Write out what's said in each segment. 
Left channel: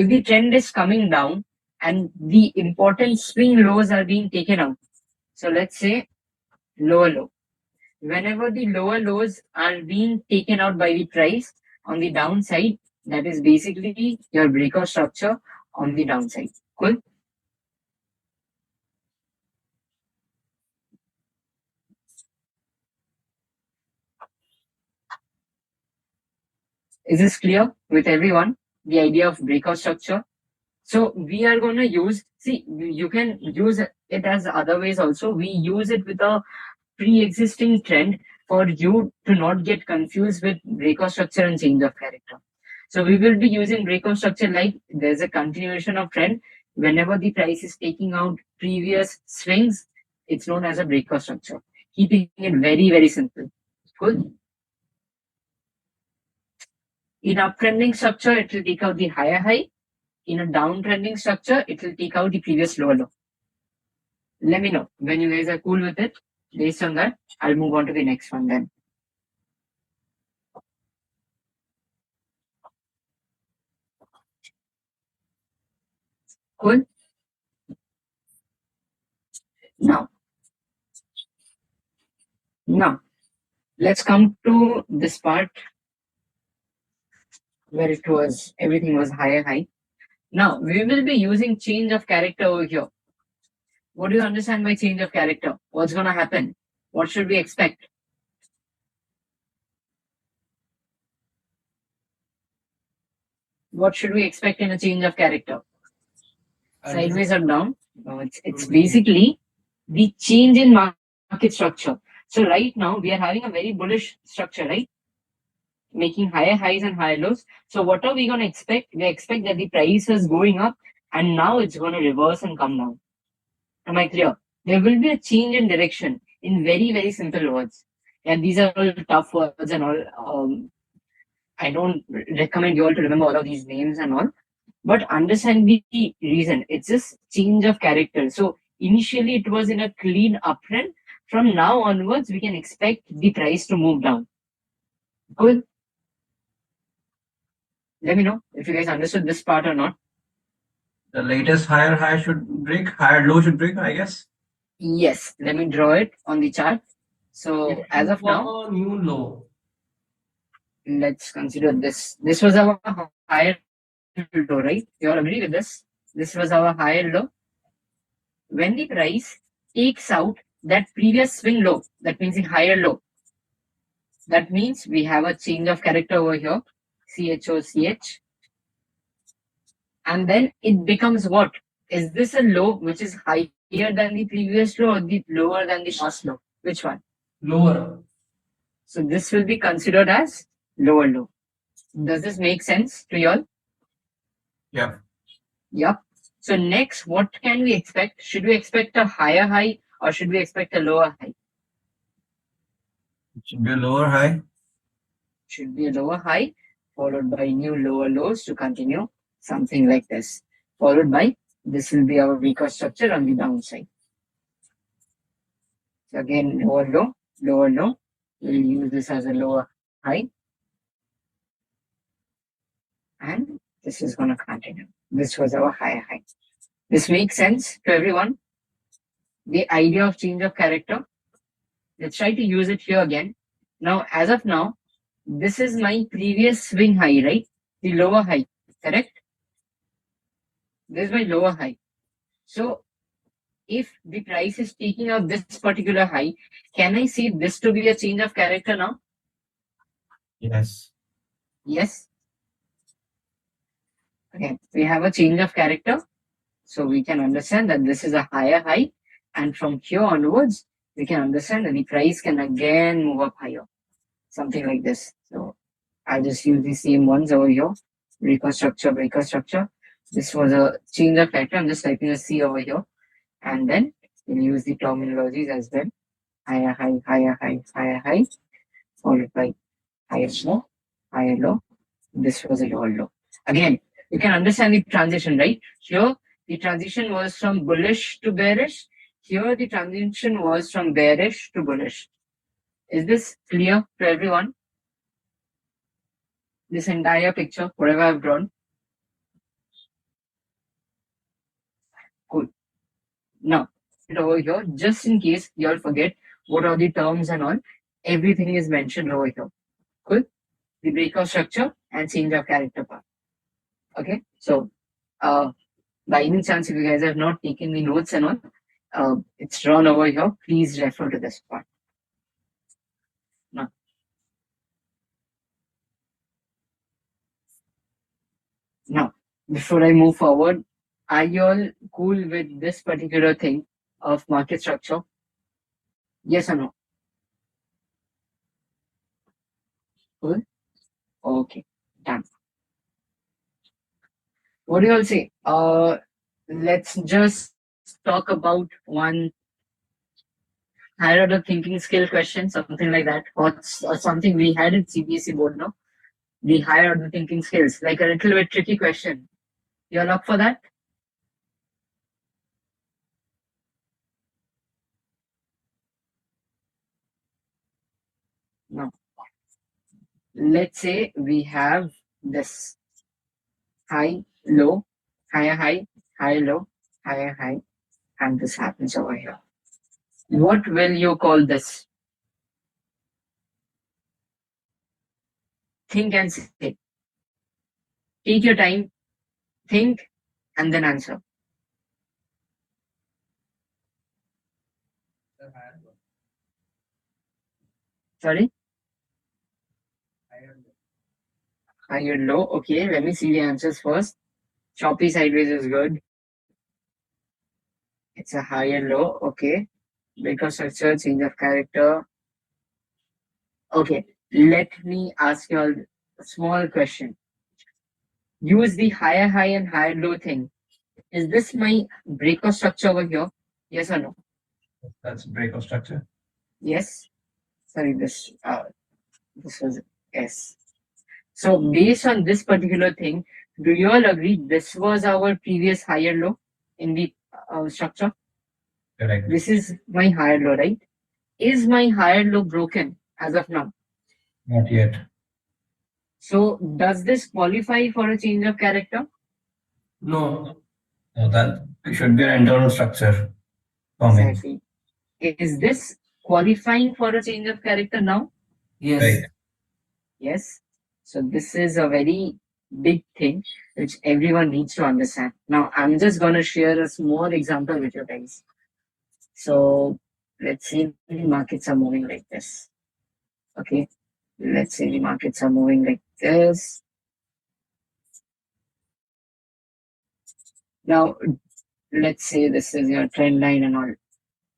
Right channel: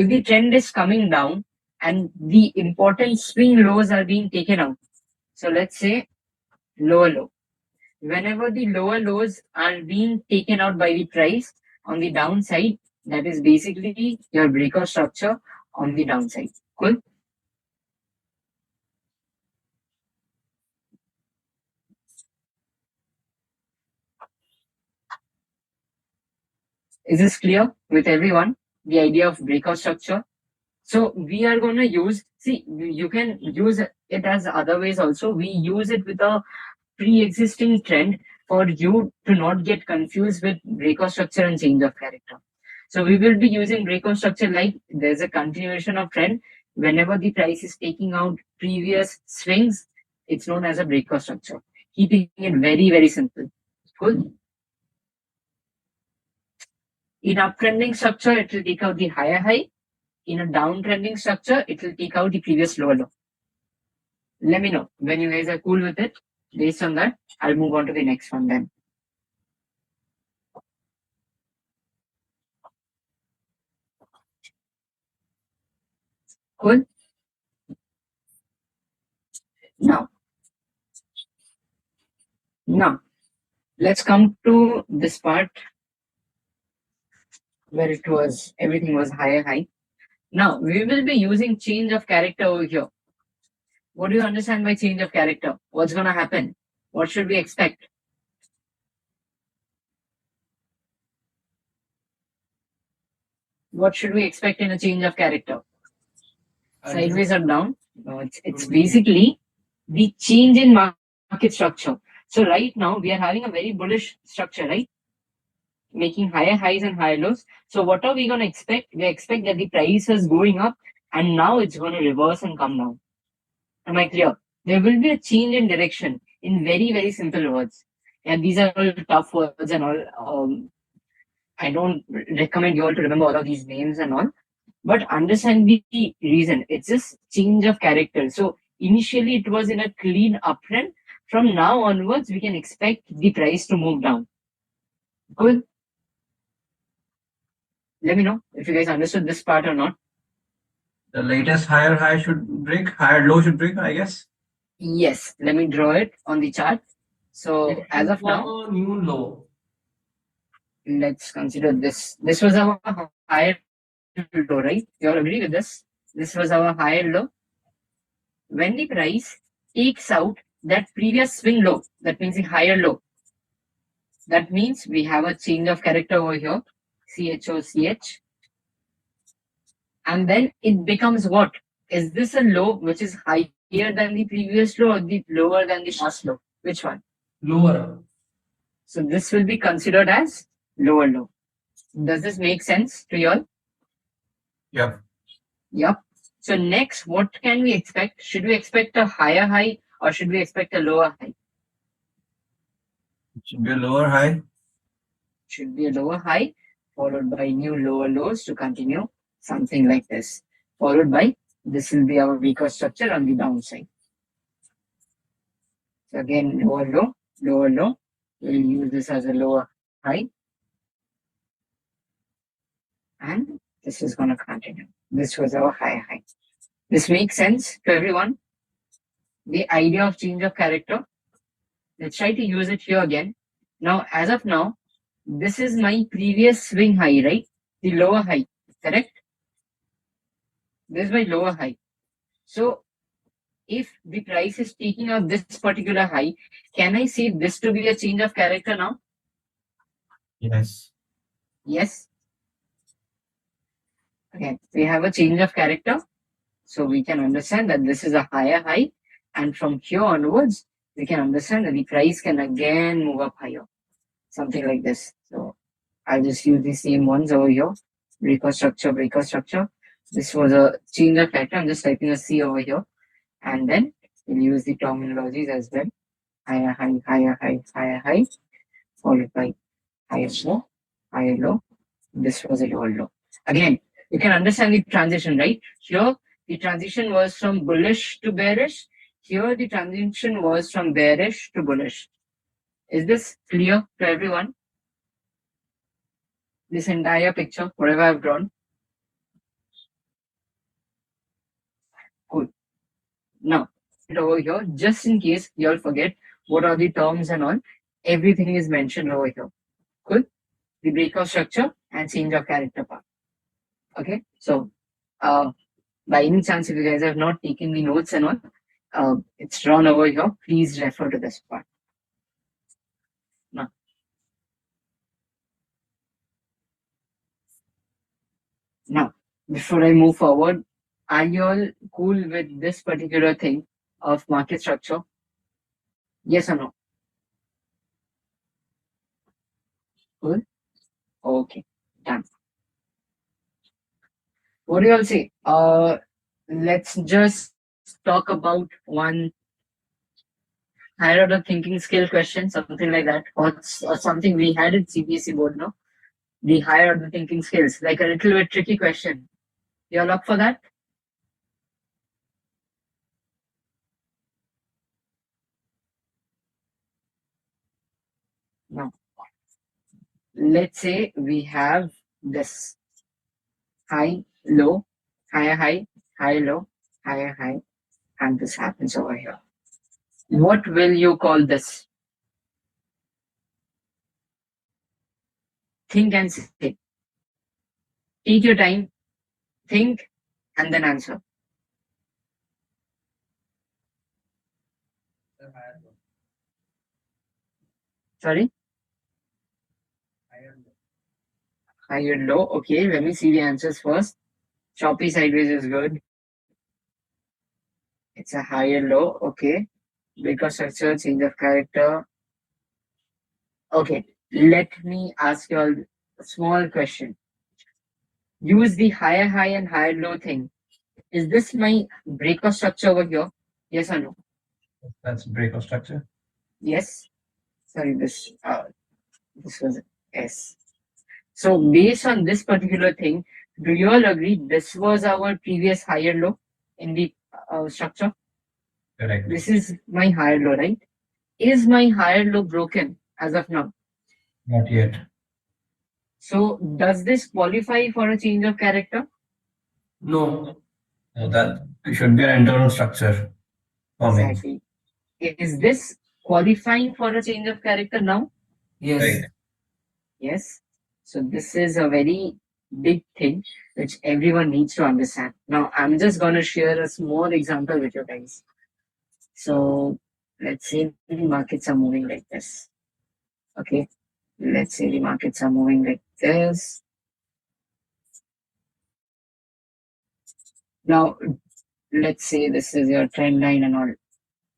if the trend is coming down and the important swing lows are being taken out, so let's say lower low. Whenever the lower lows are being taken out by the price on the downside, that is basically your breakout structure on the downside. Cool. Is this clear with everyone? The idea of breakout structure. So we are going to use, see, you can use it as other ways also. We use it with a pre-existing trend for you to not get confused with breakout structure and change of character. So we will be using breakout structure like there's a continuation of trend. Whenever the price is taking out previous swings, it's known as a breakout structure. Keeping it very, very simple. Cool. In uptrending structure, it will take out the higher high. In a downtrending structure, it will take out the previous lower low. Let me know when you guys are cool with it. Based on that, I'll move on to the next one then. Cool. Now, let's come to this part where it was everything was higher high. Now we will be using change of character over here. What do you understand by change of character? What's gonna happen? What should we expect? What should we expect in a change of character? Sideways or down? No, it's basically the change in market structure. So right now we are having a very bullish structure, right? Making higher highs and higher lows. So what are we going to expect? We expect that the price is going up and now it's going to reverse and come down. Am I clear? There will be a change in direction in very, very simple words. And these are all tough words and all. I don't recommend you all to remember all of these names and all, but understand the reason. It's just change of character. So initially it was in a clean uptrend. From now onwards, we can expect the price to move down. Cool. Let me know if you guys understood this part or not. The latest higher high should break, higher low should break, I guess. Yes, let me draw it on the chart. So as of now, new low. Let's consider this. This was our higher low, right? You all agree with this? This was our higher low. When the price takes out that previous swing low, that means the higher low. That means we have a change of character over here, CHOCH. And then it becomes what? Is this a low which is higher than the previous low or the lower than the last low? Which one? Lower. So this will be considered as lower low. Does this make sense to you all? Yep. Yep. So next, what can we expect? Should we expect a higher high or should we expect a lower high? It should be a lower high. Should be a lower high followed by new lower lows to continue, something like this. Followed by, this will be our weaker structure on the downside. So again, lower low, lower low. We'll use this as a lower high. And this is going to continue. This was our higher high. This makes sense to everyone? The idea of change of character. Let's try to use it here again. Now, as of now, this is my previous swing high, right? The lower high, correct? This is my lower high. So, if the price is taking out this particular high, can I see this to be a change of character now? Yes. Yes. Okay, we have a change of character. So we can understand that this is a higher high. And from here onwards, we can understand that the price can again move up higher. Something like this. So I'll just use the same ones over here. Breaker structure, breaker structure. This was a change of character. I'm just typing a C over here. And then we'll use the terminologies as well. Higher high, higher high, higher high. Followed by higher low, higher low. This was a lower low. Again, you can understand the transition, right? Here, the transition was from bullish to bearish. Here, the transition was from bearish to bullish. Is this clear to everyone? This entire picture, whatever I've drawn. here, just in case you all forget what are the terms and all. Everything is mentioned over here. Cool. The breakout structure and change of character part. Okay. So, by any chance, if you guys have not taken the notes and all, it's drawn over here. Please refer to this part. Now, before I move forward, are you all cool with this particular thing of market structure? Yes or no? Cool. Okay. Done. What do you all say? Let's just talk about one higher order thinking skill question, something like that, or something we had in CBSE board, no? The higher order thinking skills, like a little bit tricky question. You all up for that? No. Let's say we have this high, low, higher, low, higher, high, and this happens over here. What will you call this? Think and say. Take your time, think, and then answer. Sorry? Higher, low. Okay, let me see the answers first. Choppy sideways is good. It's a higher, low. Okay. Breakout structure, change of character. Okay, let me ask you all a small question. Use the higher high and higher low thing. Is this my breakout structure over here? Yes or no? That's breakout structure. Yes. Sorry, this was S. So based on this particular thing, do you all agree this was our previous higher low in the structure? Correct. This is my higher low, right? Is my higher low broken as of now? Not yet. So does this qualify for a change of character? No. No, that should be an internal structure for me. Exactly. Is this qualifying for a change of character now? Yes. Right. Yes. So this is a very big thing which everyone needs to understand. Now I'm just going to share a small example with you guys. So let's say the markets are moving like this. Okay. Let's say the markets are moving like this. Now let's say this is your trend line and all.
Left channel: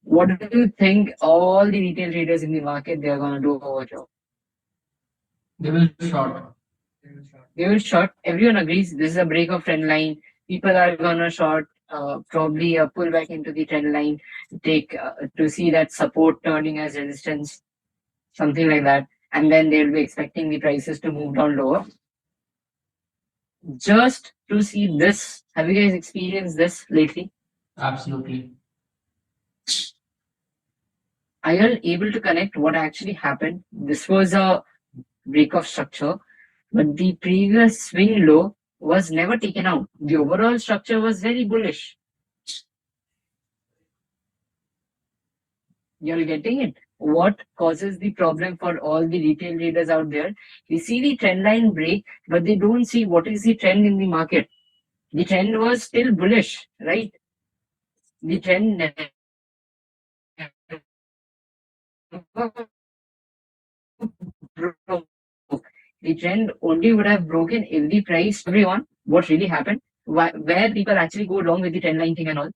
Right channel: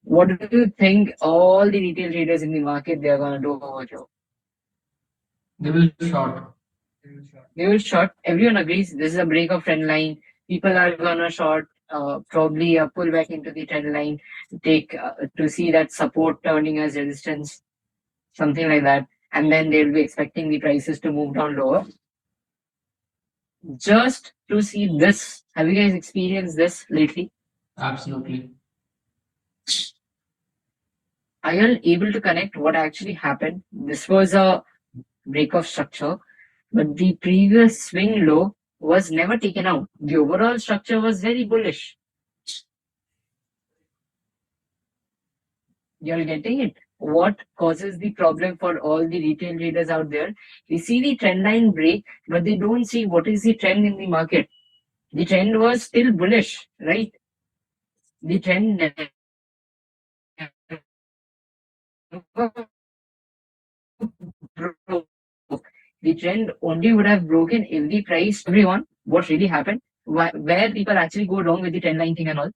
What do you think all the retail traders in the market they are going to do over here? They will short. They will short. Everyone agrees this is a break of trend line. People are gonna short, probably a pullback into the trend line, take to see that support turning as resistance, something like that, and then they'll be expecting the prices to move down lower. Just to see this, have you guys experienced this lately? Absolutely. Are you able to connect what actually happened? This was a break of structure, but the previous swing low was never taken out. The overall structure was very bullish. You're getting it. What causes the problem for all the retail traders out there? They see the trend line break, but they don't see what is the trend in the market. The trend was still bullish, right? The trend never broke. The trend only would have broken if the price, everyone, what really happened, where people actually go wrong with the trend line thing and all.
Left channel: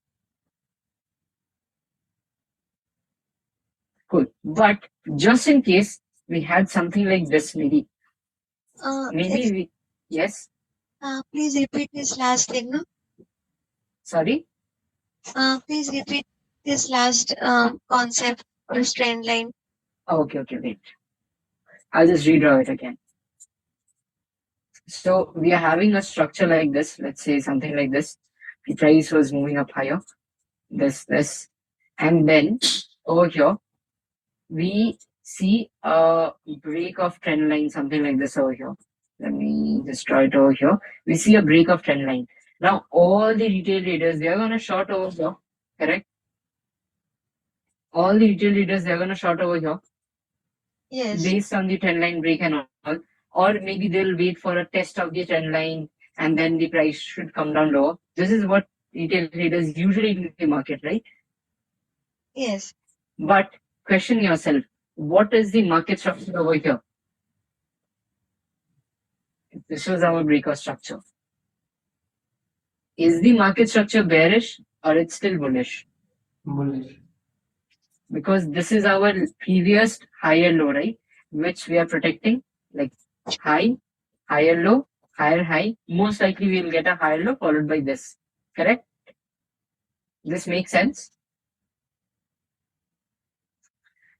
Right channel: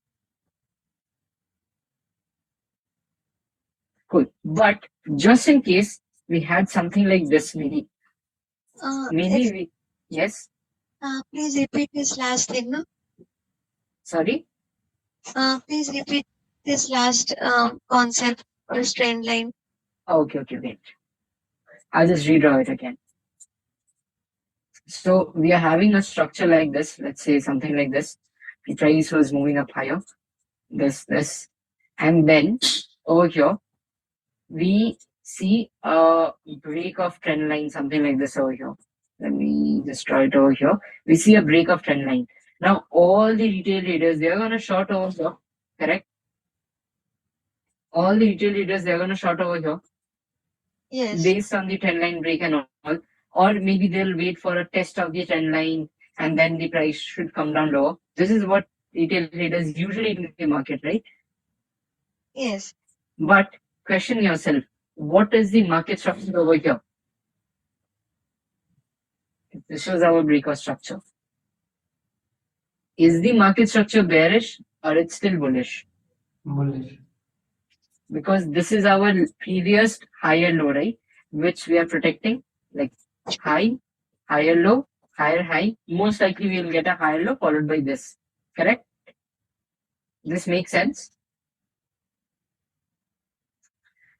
Cool. But just in case we had something like this, maybe we, yes. Please repeat this last thing, no? Sorry. Please repeat this last concept or trend line. Okay, wait. I'll just redraw it again. So we are having a structure like this. Let's say something like this. The price was moving up higher. This, and then over here we see a break of trend line, something like this over here. Let me just try it over here. We see a break of trend line. Now all the retail traders they are gonna short over here, correct? all the retail leaders, they're going to short over here Yes. based on the trend line break and all. Or maybe they'll wait for a test of the trend line and then the price should come down lower. This is what retail traders usually do in the market, right? Yes. But question yourself, what is the market structure over here? This was our breakout structure. Is the market structure bearish or it's still bullish? Bullish. Because this is our previous higher low, right? Which we are protecting, like high, higher low, higher high. Most likely we will get a higher low followed by this. Correct? This makes sense.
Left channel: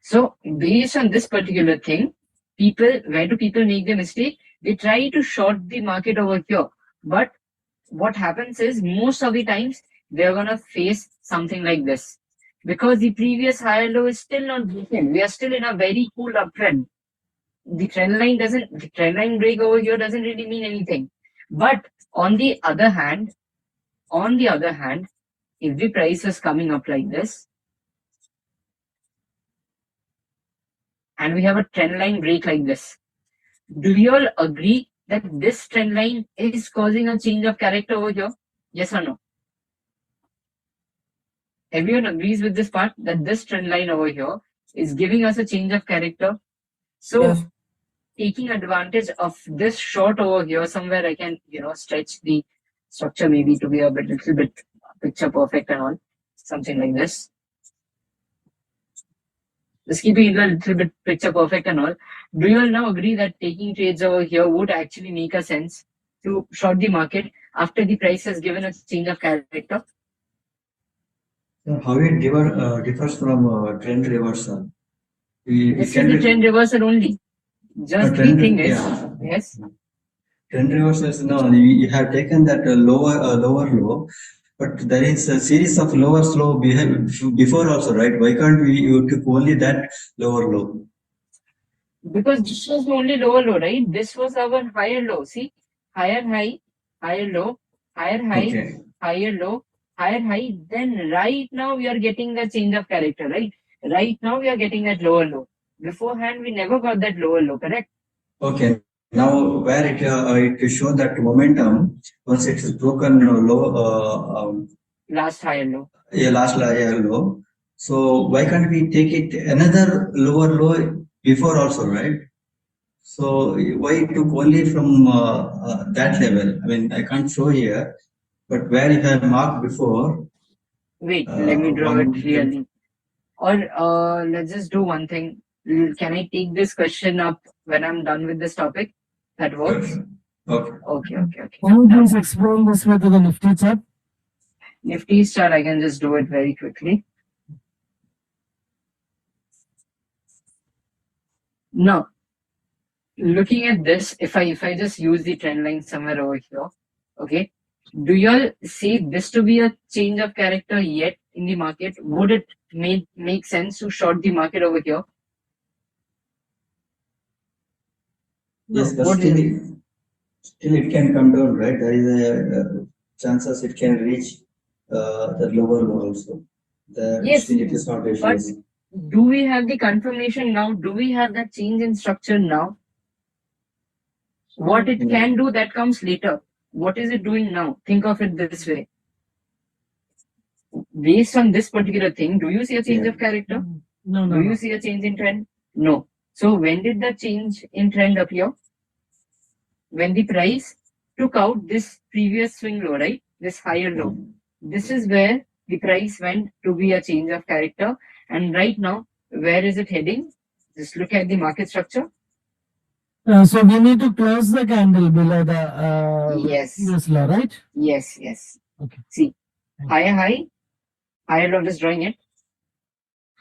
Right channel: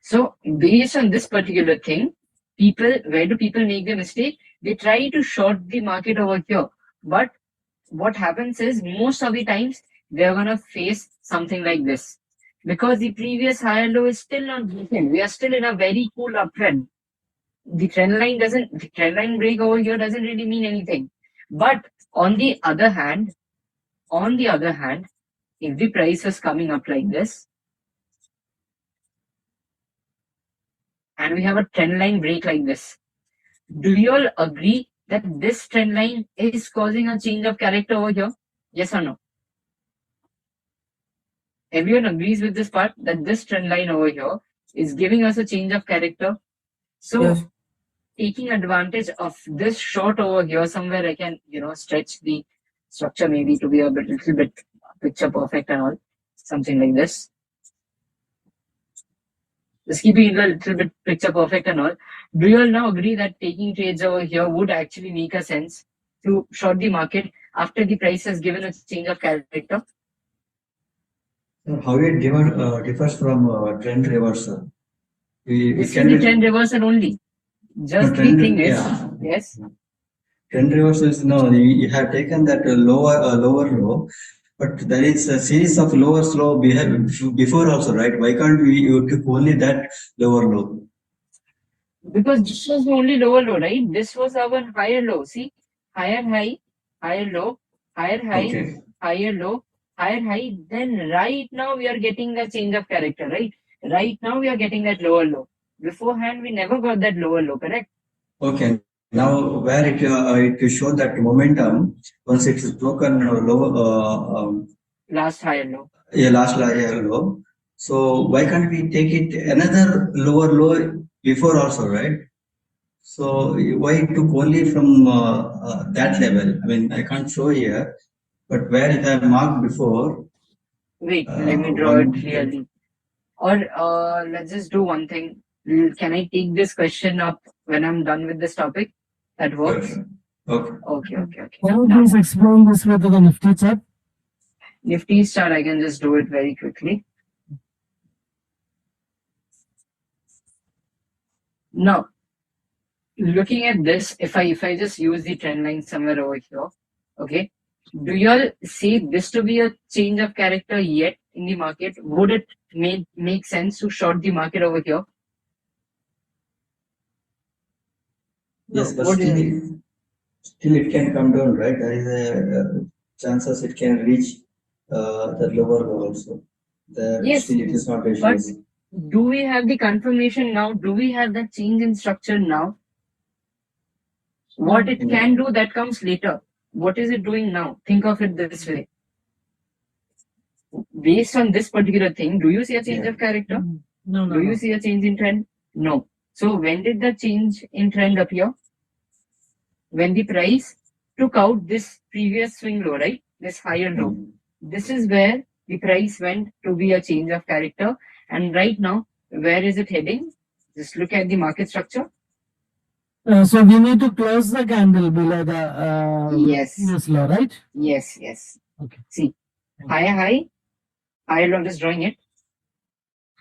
So based on this particular thing, where do people make the mistake? They try to short the market over here. But what happens is most of the times they're gonna face something like this. Because the previous higher low is still not broken. We are still in a very cool uptrend. The trend line break over here doesn't really mean anything. But on the other hand, if the price is coming up like this, and we have a trend line break like this, do you all agree that this trend line is causing a change of character over here? Yes or no? Everyone agrees with this part that this trend line over here is giving us a change of character. So Yes. taking advantage of this short over here, somewhere I can, stretch the structure maybe to be a little bit picture perfect and all, something like this. Just keeping it a little bit picture perfect and all. Do you all now agree that taking trades over here would actually make a sense to short the market after the price has given a change of character? So how it differs from trend reversal? This is the trend reversal only. Just the thing is, yes. Trend reversal is now you have taken that lower low, but there is a series of lower low before also, right? Why can't you took only that lower low? Because this was the only lower low, right? This was our higher low. See, higher high, higher low, higher high, Okay. higher low, higher high. Then right now we are getting the change of character, right? Right now we are getting that lower low. Beforehand we never got that lower low, correct? Okay. Now where it show that momentum once it is broken low. Last higher low. Yeah, last higher low. So why can't we take it another lower low before also, right? So why it took only from that level? I mean, I can't show here, but where it had marked before. Wait, let me draw it clearly. Or let's just do one thing. Can I take this question up when I'm done with this topic? That works? Okay. Okay. Can you please explain this with the Nifty chart? Nifty chart, I can just do it very quickly. Now, looking at this, if I just use the trend line somewhere over here, okay, do you all see this to be a change of character yet in the market? Would it make sense to short the market over here? Yes, No, but what do you still it can come down, right? There is a chances it can reach the lower low also. Yes, Still it is not reached. but do we have the confirmation now? Do we have that change in structure now? What it can do, that comes later. What is it doing now? Think of it this way. Based on this particular thing, do you see a change of character? No. Do you see a change in trend? No. So when did the change in trend appear? When the price took out this previous swing low, right? This higher low. This is where the price went to be a change of character. And right now, where is it heading? Just look at the market structure. So we need to close the candle below the Yes. previous low, right? Yes. Okay. See, higher low, I'm just drawing it.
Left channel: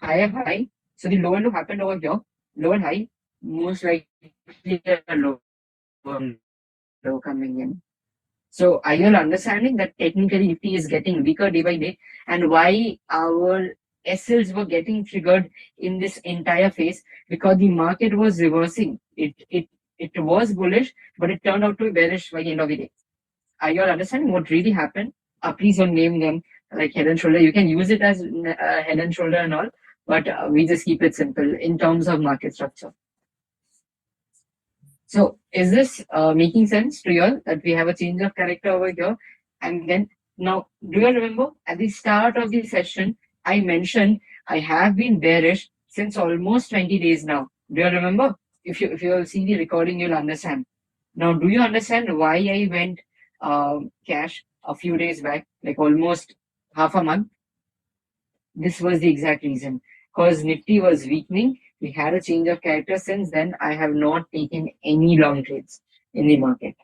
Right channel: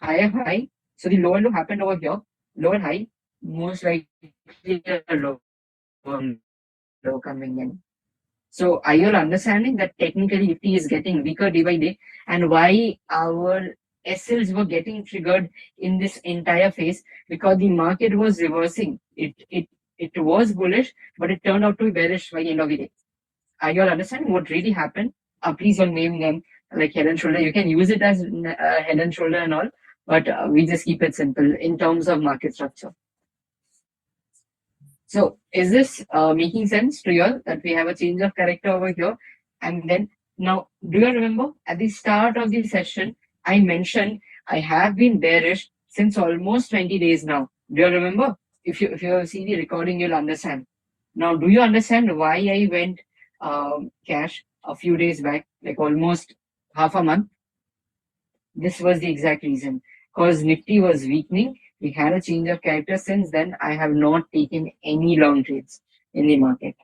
Higher high. So the lower low happened over here. Lower high, most likely a lower low coming in. So are you all understanding that technically Nifty is getting weaker day by day, and why our SLs were getting triggered in this entire phase? Because the market was reversing. It was bullish, but it turned out to be bearish by the end of the day. Are you all understanding what really happened? Please don't name them like head and shoulder. You can use it as head and shoulder and all, but we just keep it simple in terms of market structure. So is this making sense to you all that we have a change of character over here? And then now, do you remember at the start of the session, I mentioned I have been bearish since almost 20 days now. Do you remember? If you have seen the recording, you'll understand. Now, do you understand why I went cash a few days back, like almost half a month? This was the exact reason. Because Nifty was weakening, we had a change of character. Since then, I have not taken any long trades in the market.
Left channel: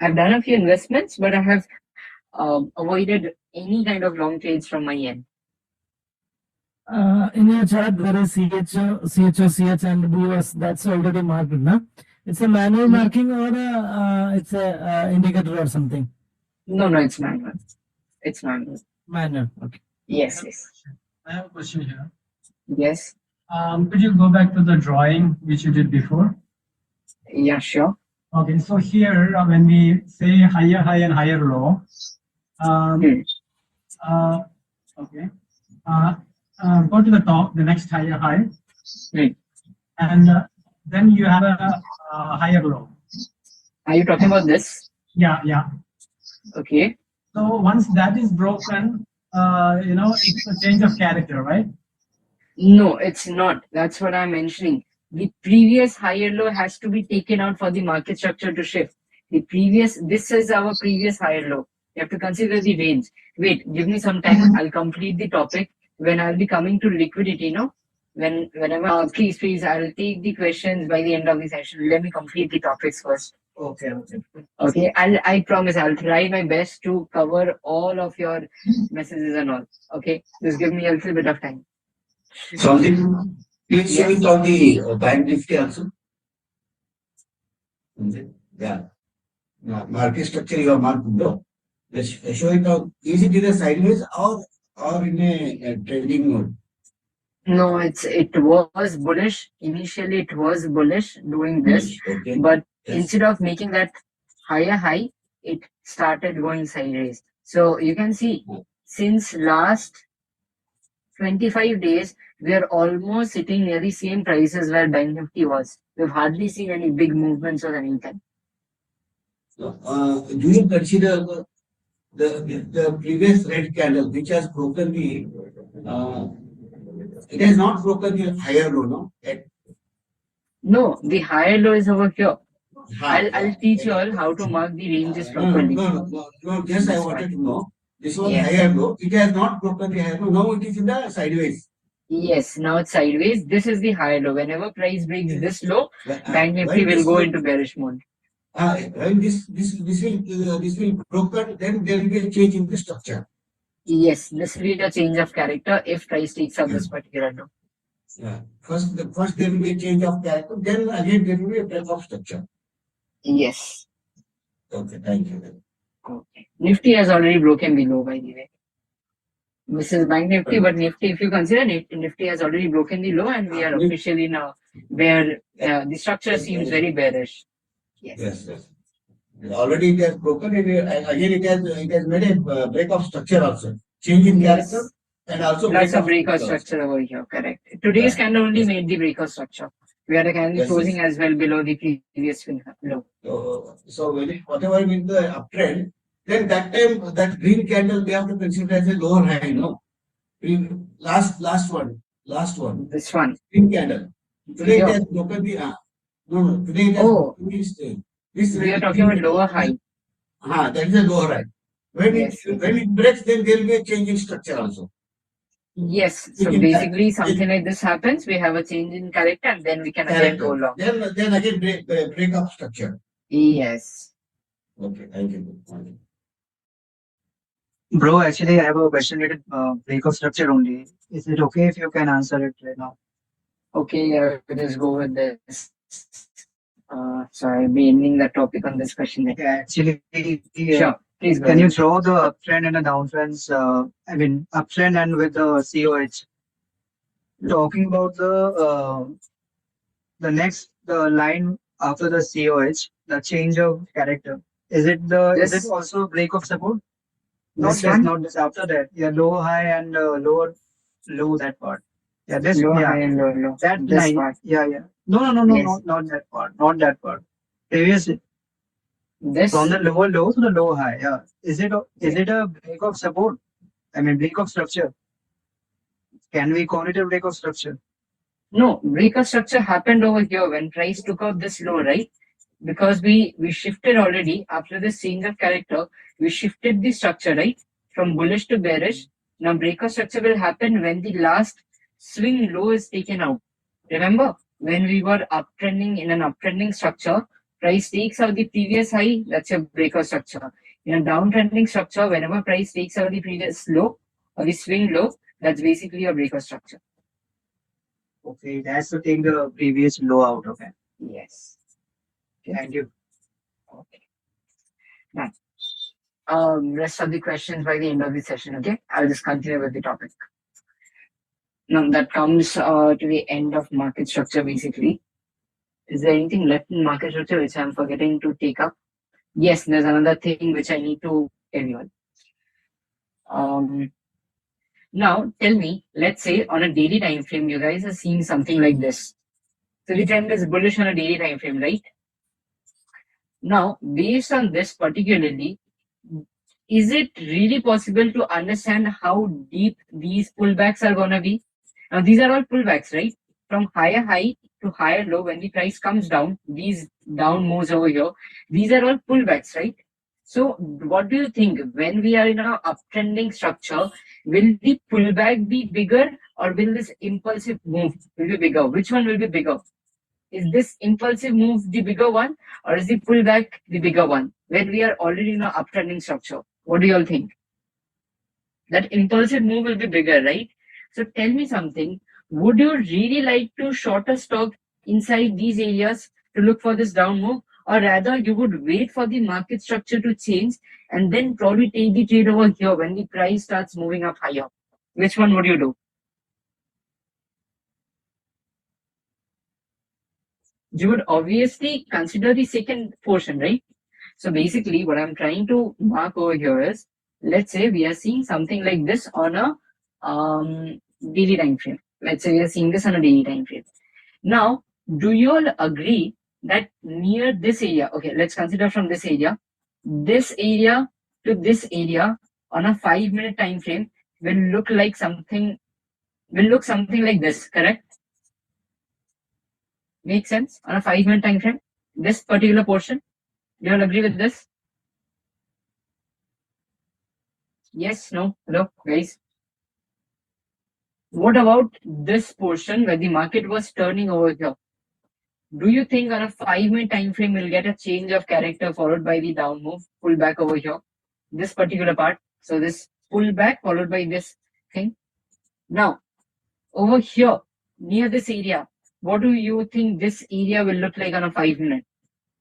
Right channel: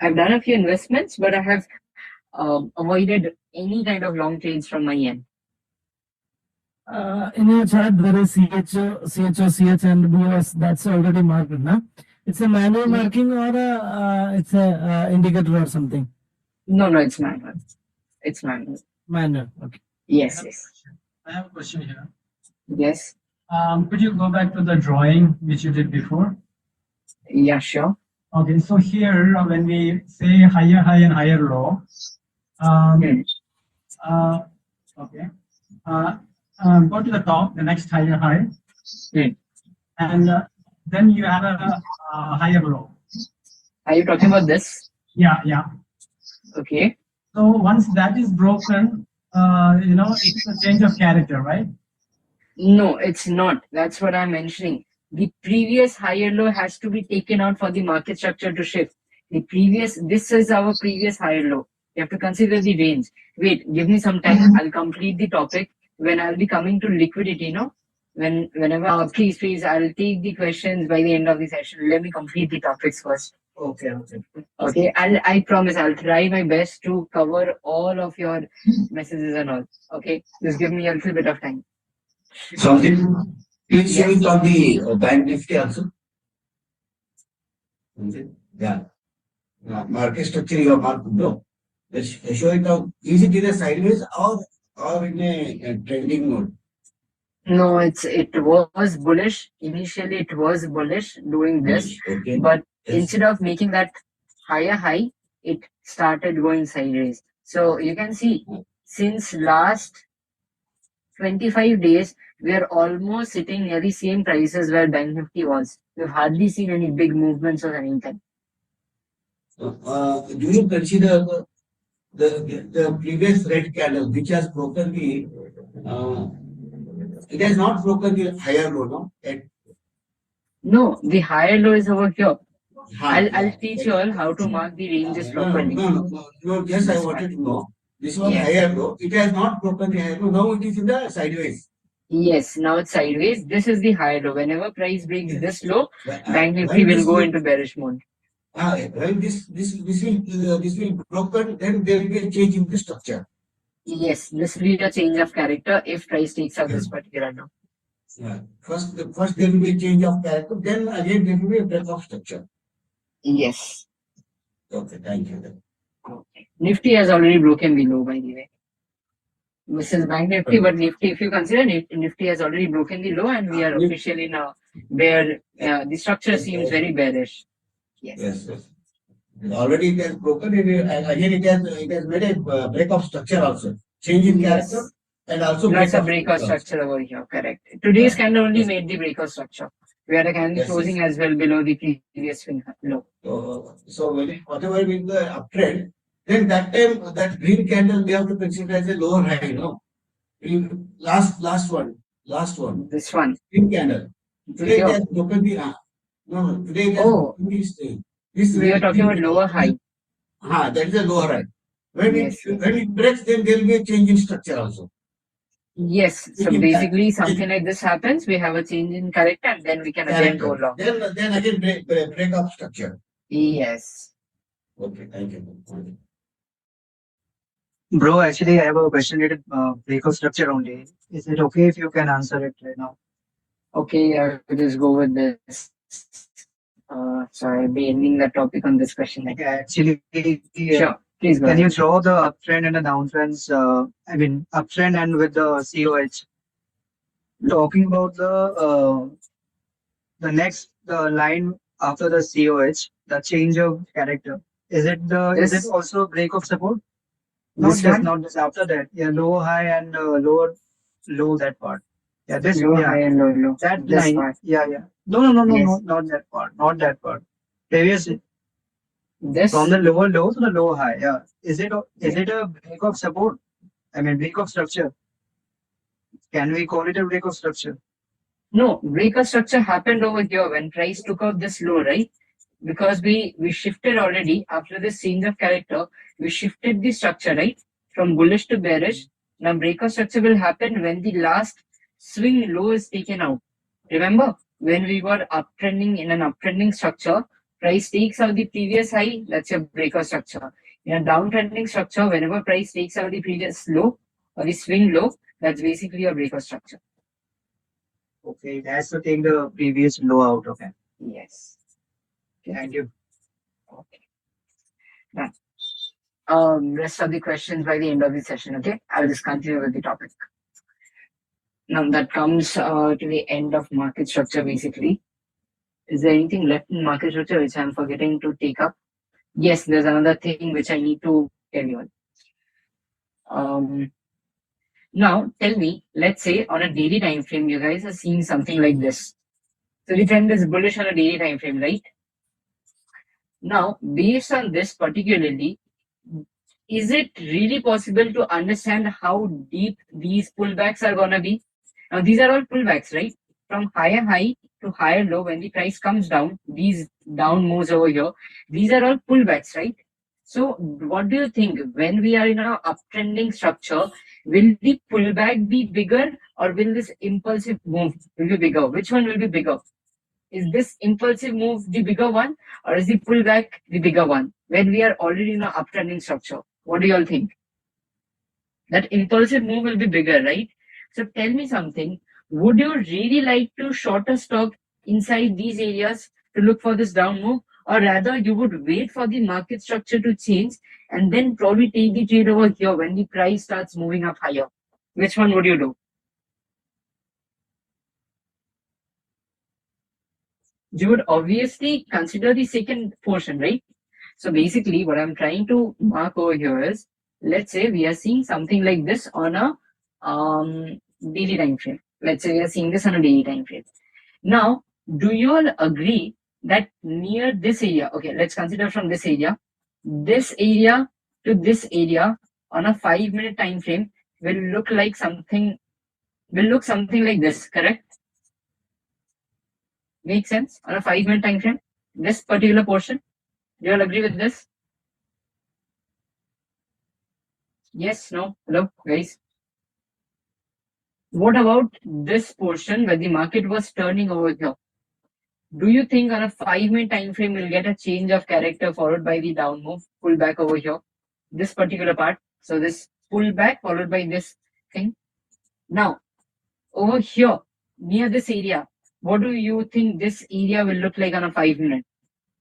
I've done a few investments, but I have avoided any kind of long trades from my end. In your chart, there is CHO, CH, and BOS. That's already marked, no? It's a manual marking or it's a indicator or something? No, it's manual. It's manual. Manual, okay. Yes. I have a question here. Yes. Could you go back to the drawing which you did before? Yeah, sure. Okay, so here when we say higher high and higher low, okay, go to the top, the next higher high, and then you have a higher low. Are you talking about this? Yeah. Okay. So once that is broken, it's a change of character, right? No, it's not. That's what I'm mentioning. The previous higher low has to be taken out for the market structure to shift. This is our previous higher low. You have to consider the range. Wait, give me some time. I'll complete the topic when I'll be coming to liquidity, no? Whenever, please, I'll take the questions by the end of the session. Let me complete the topics first. Okay. I promise I'll try my best to cover all of your messages and all. Okay. Just give me a little bit of time. Something is showing on the bank Nifty also. Yeah. Market structure you have marked. No. Let's show it out. Is it in a sideways or in a trending mode? No, it was bullish. Initially, it was bullish doing this, Okay. but instead of making that higher high, it started going sideways. So you can see since last 25 days, we are almost sitting near the same prices where Bank Nifty was. We've hardly seen any big movements or anything. Do you consider the previous red candle which has broken the it has not broken the higher low, no? No, the higher low is over here. High. I'll teach you all how to mark the ranges properly. No. Just I wanted to know. This was Yes. higher low. It has not broken the higher low. Now it is in the sideways. Yes, now it's sideways. This is the higher low. Whenever price breaks this low, Bank Nifty will go into bearish mode. When this will broken, then there will be a change in the structure. Yes, this will be a change of character if price takes up this particular low. Yeah. First there will be a change of character, then again there will be a break of structure. Yes. Okay, thank you. Okay. Nifty has already broken the low, by the way. This is Bank Nifty, but Nifty, if you consider Nifty has already broken the low, and we are officially now there. The structure seems very bearish. Yes. Already it has broken. Again, it has made a break of structure also. Change in character and also Plus a break of structure over here. Correct. Today's candle only made the break of structure. We had a candle closing as well below the previous low. So whatever will the uptrend, then that time that green candle we have to consider as a lower high, no? Last one. This one. Green candle. Today it has broken the no. Today it has broken this. We are talking about lower high. That is a lower high. When it breaks, then there will be a change in structure also. Yes. So basically, something like this happens. We have a change in character, and then we can again go long. Then again break up structure. Yes. Okay, thank you. Bro, actually, I have a question related break of structure only. Is it okay if you can answer it right now? Okay, I'll just go with this. So I'll be ending the topic on this question. Okay, actually, Sure. Please go can ahead. you draw the uptrend and the downtrends? Uptrend and with the COH. Talking about the line after the COH, the change of character. Is it also a break of support? Not just after that. Yeah, lower high and lower low, that part. Yeah, this, Low, yeah, high, and low, low. that This line. part. Yeah, yeah. No, Yes. not that part. Not that part. Previous, This. from the lower low to the lower high. Yeah. Is it a break of support? I mean, break of structure. Can we call it a break of structure? No, breaker structure happened over here when price took out this low, right? Because we shifted already after this change of character, we shifted the structure, right? From bullish to bearish. Now breaker structure will happen when the last swing low is taken out. Remember, when we were uptrending in an uptrending structure, price takes out the previous high, that's your breaker structure. In a downtrending structure, whenever price takes out the previous low or the swing low, that's basically a breaker structure. Okay, it has to take the previous low out. Okay. Yes. Thank you. Okay. Now, rest of the questions by the end of the session, okay? I'll just continue with the topic. Now, that comes to the end of market structure, basically. Is there anything left in market structure which I'm forgetting to take up? Yes, there's another thing which I need to tell you. Now, tell me, let's say on a daily time frame, you guys are seeing something like this. So the trend is bullish on a daily time frame, right? Now, based on this particularly, is it really possible to understand how deep these pullbacks are going to be? Now, these are all pullbacks, right? From higher high to higher low, when the price comes down, these down moves over here, these are all pullbacks, right? So, what do you think? When we are in an uptrending structure, will the pullback be bigger or will this impulsive move will be bigger? Which one will be bigger? Is this impulsive move the bigger one or is the pullback the bigger one when we are already in an uptrending structure? What do you all think? That impulsive move will be bigger, right? So tell me something. Would you really like to short a stock inside these areas to look for this down move? Or rather, you would wait for the market structure to change and then probably take the trade over here when the price starts moving up higher? Which one would you do? You would obviously consider the second portion, right? So basically, what I'm trying to mark over here is, let's say we are seeing something like this on a daily time frame. Let's say we are seeing this on a daily time frame. Now, do you all agree that near this area, okay, let's consider from this area to this area on a 5-minute time frame will look something like this, correct? Make sense? On a 5-minute time frame, this particular portion, you all agree with this? Yes, no, hello, guys. What about this portion where the market was turning over here? Do you think on a 5-minute time frame we'll get a change of character followed by the down move, pull back over here? This particular part. So this pull back followed by this thing. Now, over here, near this area, what do you think this area will look like on a 5-minute?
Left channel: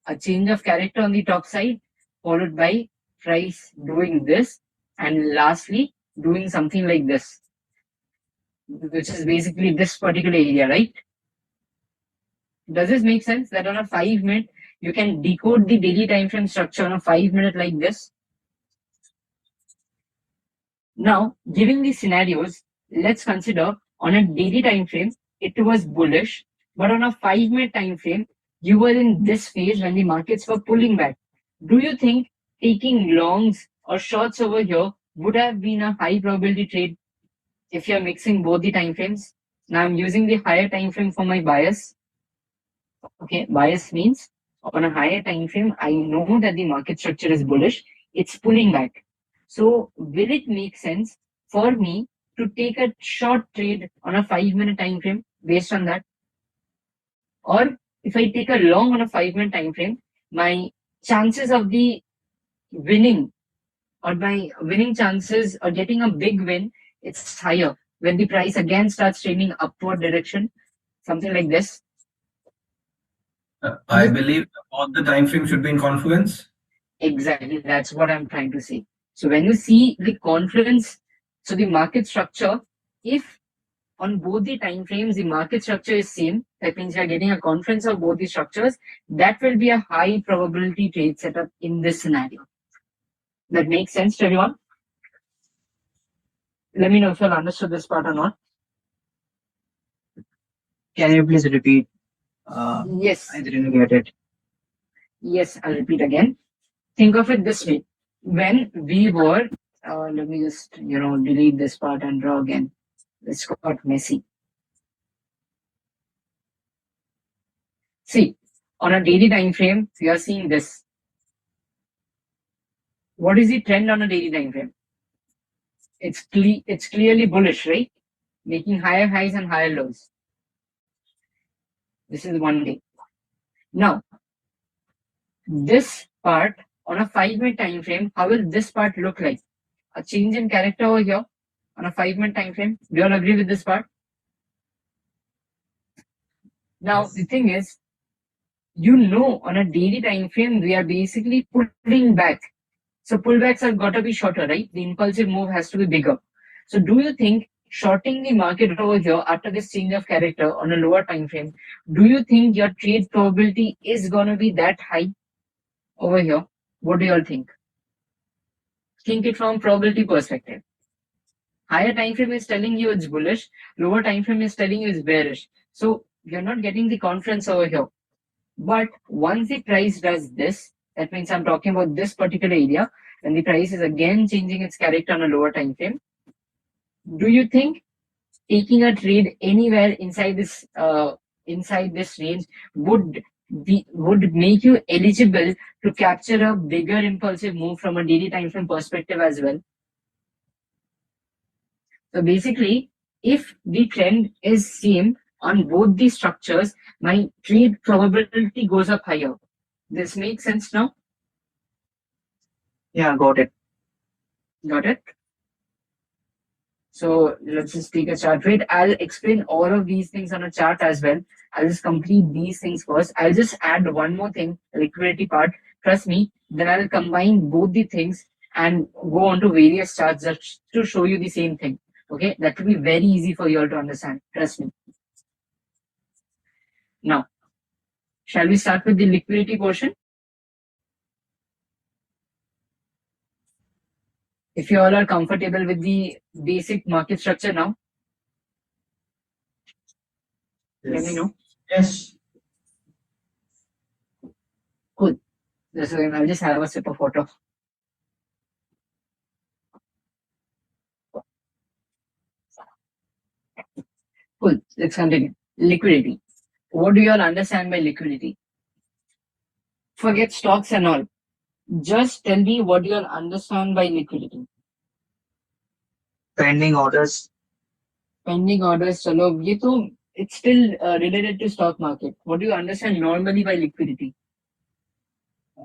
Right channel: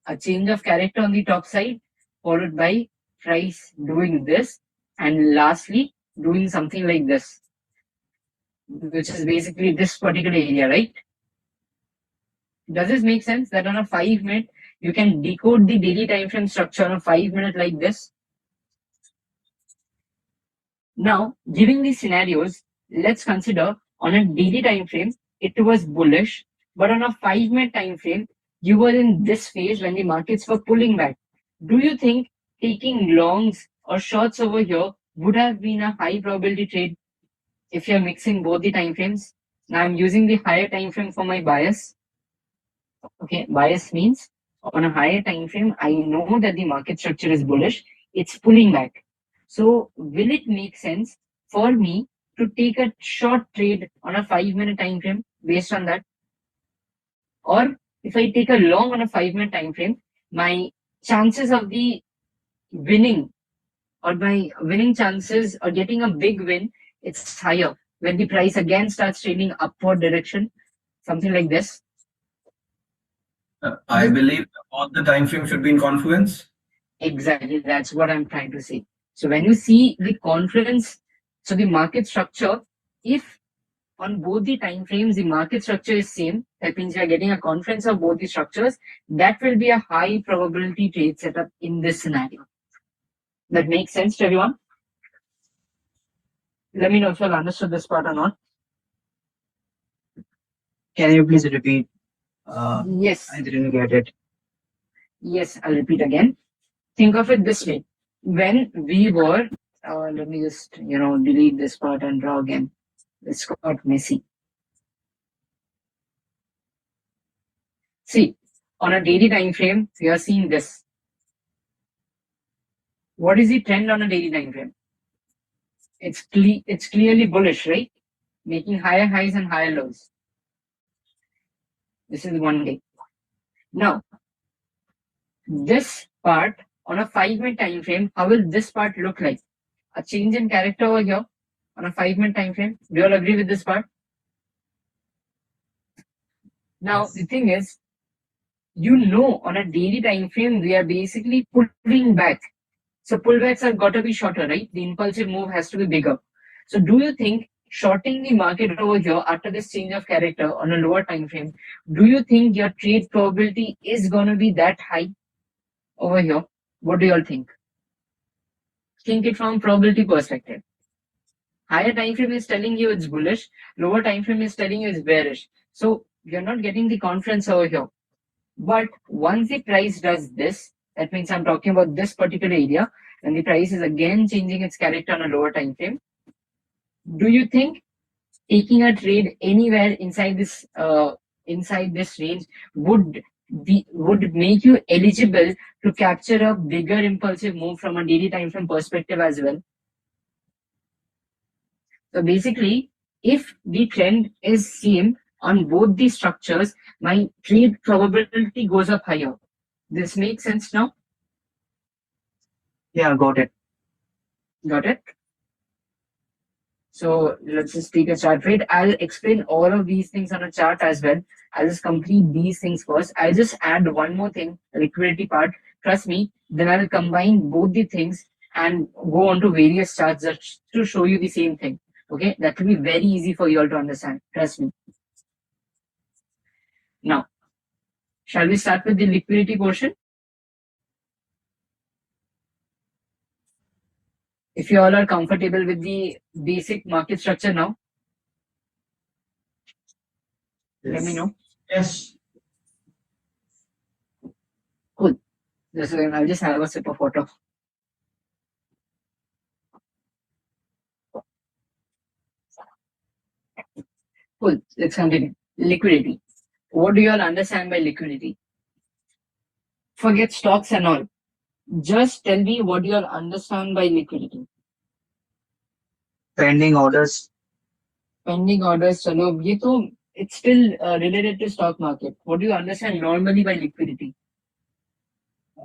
A change of character on the top side, followed by price doing this, and lastly, doing something like this, which is basically this particular area, right? Does this make sense that on a 5-minute, you can decode the daily time frame structure on a 5-minute like this? Now, given these scenarios, let's consider on a daily time frame, it was bullish, but on a 5-minute time frame, you were in this phase when the markets were pulling back. Do you think taking longs or shorts over here would have been a high probability trade if you're mixing both the time frames? Now I'm using the higher time frame for my bias. Okay, bias means on a higher time frame, I know that the market structure is bullish, it's pulling back. So will it make sense for me to take a short trade on a 5-minute time frame based on that? Or if I take a long on a 5-minute time frame, my chances of the winning or my winning chances or getting a big win, it's higher when the price again starts trending upward direction, something like this. I believe both the time frames should be in confluence. Exactly, that's what I'm trying to say. So when you see the confluence, so the market structure, if on both the time frames the market structure is same, that means we are getting a confluence of both the structures, that will be a high probability trade setup in this scenario. That makes sense to everyone? Let me know if you have understood this part or not. Can you please repeat? Yes. I didn't get it. Yes, I'll repeat again. Think of it this way. When we were, let me just, delete this part and draw again. This got messy. See, on a daily time frame, we are seeing this. What is the trend on a daily time frame? It's clearly bullish, right? Making higher highs and higher lows. This is 1 day. Now, this part on a 5-minute time frame, how will this part look like? A change in character over here on a 5-minute time frame. Do you all agree with this part? Now, the thing is, on a daily time frame, we are basically pulling back. So pullbacks have got to be shorter, right? The impulsive move has to be bigger. So do you think shorting the market over here after this change of character on a lower time frame, do you think your trade probability is going to be that high over here? What do you all think? Think it from probability perspective. Higher time frame is telling you it's bullish, lower time frame is telling you it's bearish. So you're not getting the confidence over here. But once the price does this, that means I'm talking about this particular area, and the price is again changing its character on a lower time frame. Do you think taking a trade anywhere inside this range would make you eligible to capture a bigger impulsive move from a daily time frame perspective as well? So basically, if the trend is same on both the structures, my trade probability goes up higher. This makes sense now? Yeah, got it. Got it? So let's just take a chart. Wait, I'll explain all of these things on a chart as well. I'll just complete these things first. I'll just add one more thing, liquidity part. Trust me, then I'll combine both the things and go on to various charts just to show you the same thing. Okay, that will be very easy for you all to understand. Trust me. Now, shall we start with the liquidity portion? If you all are comfortable with the basic market structure now, let me know. Yes. Cool. I'll just have a sip of water. Cool. Let's continue. Liquidity. What do you all understand by liquidity? Forget stocks and all. Just tell me what you all understand by liquidity. Pending orders. Pending orders, chalo, it's still related to stock market. What do you understand normally by liquidity?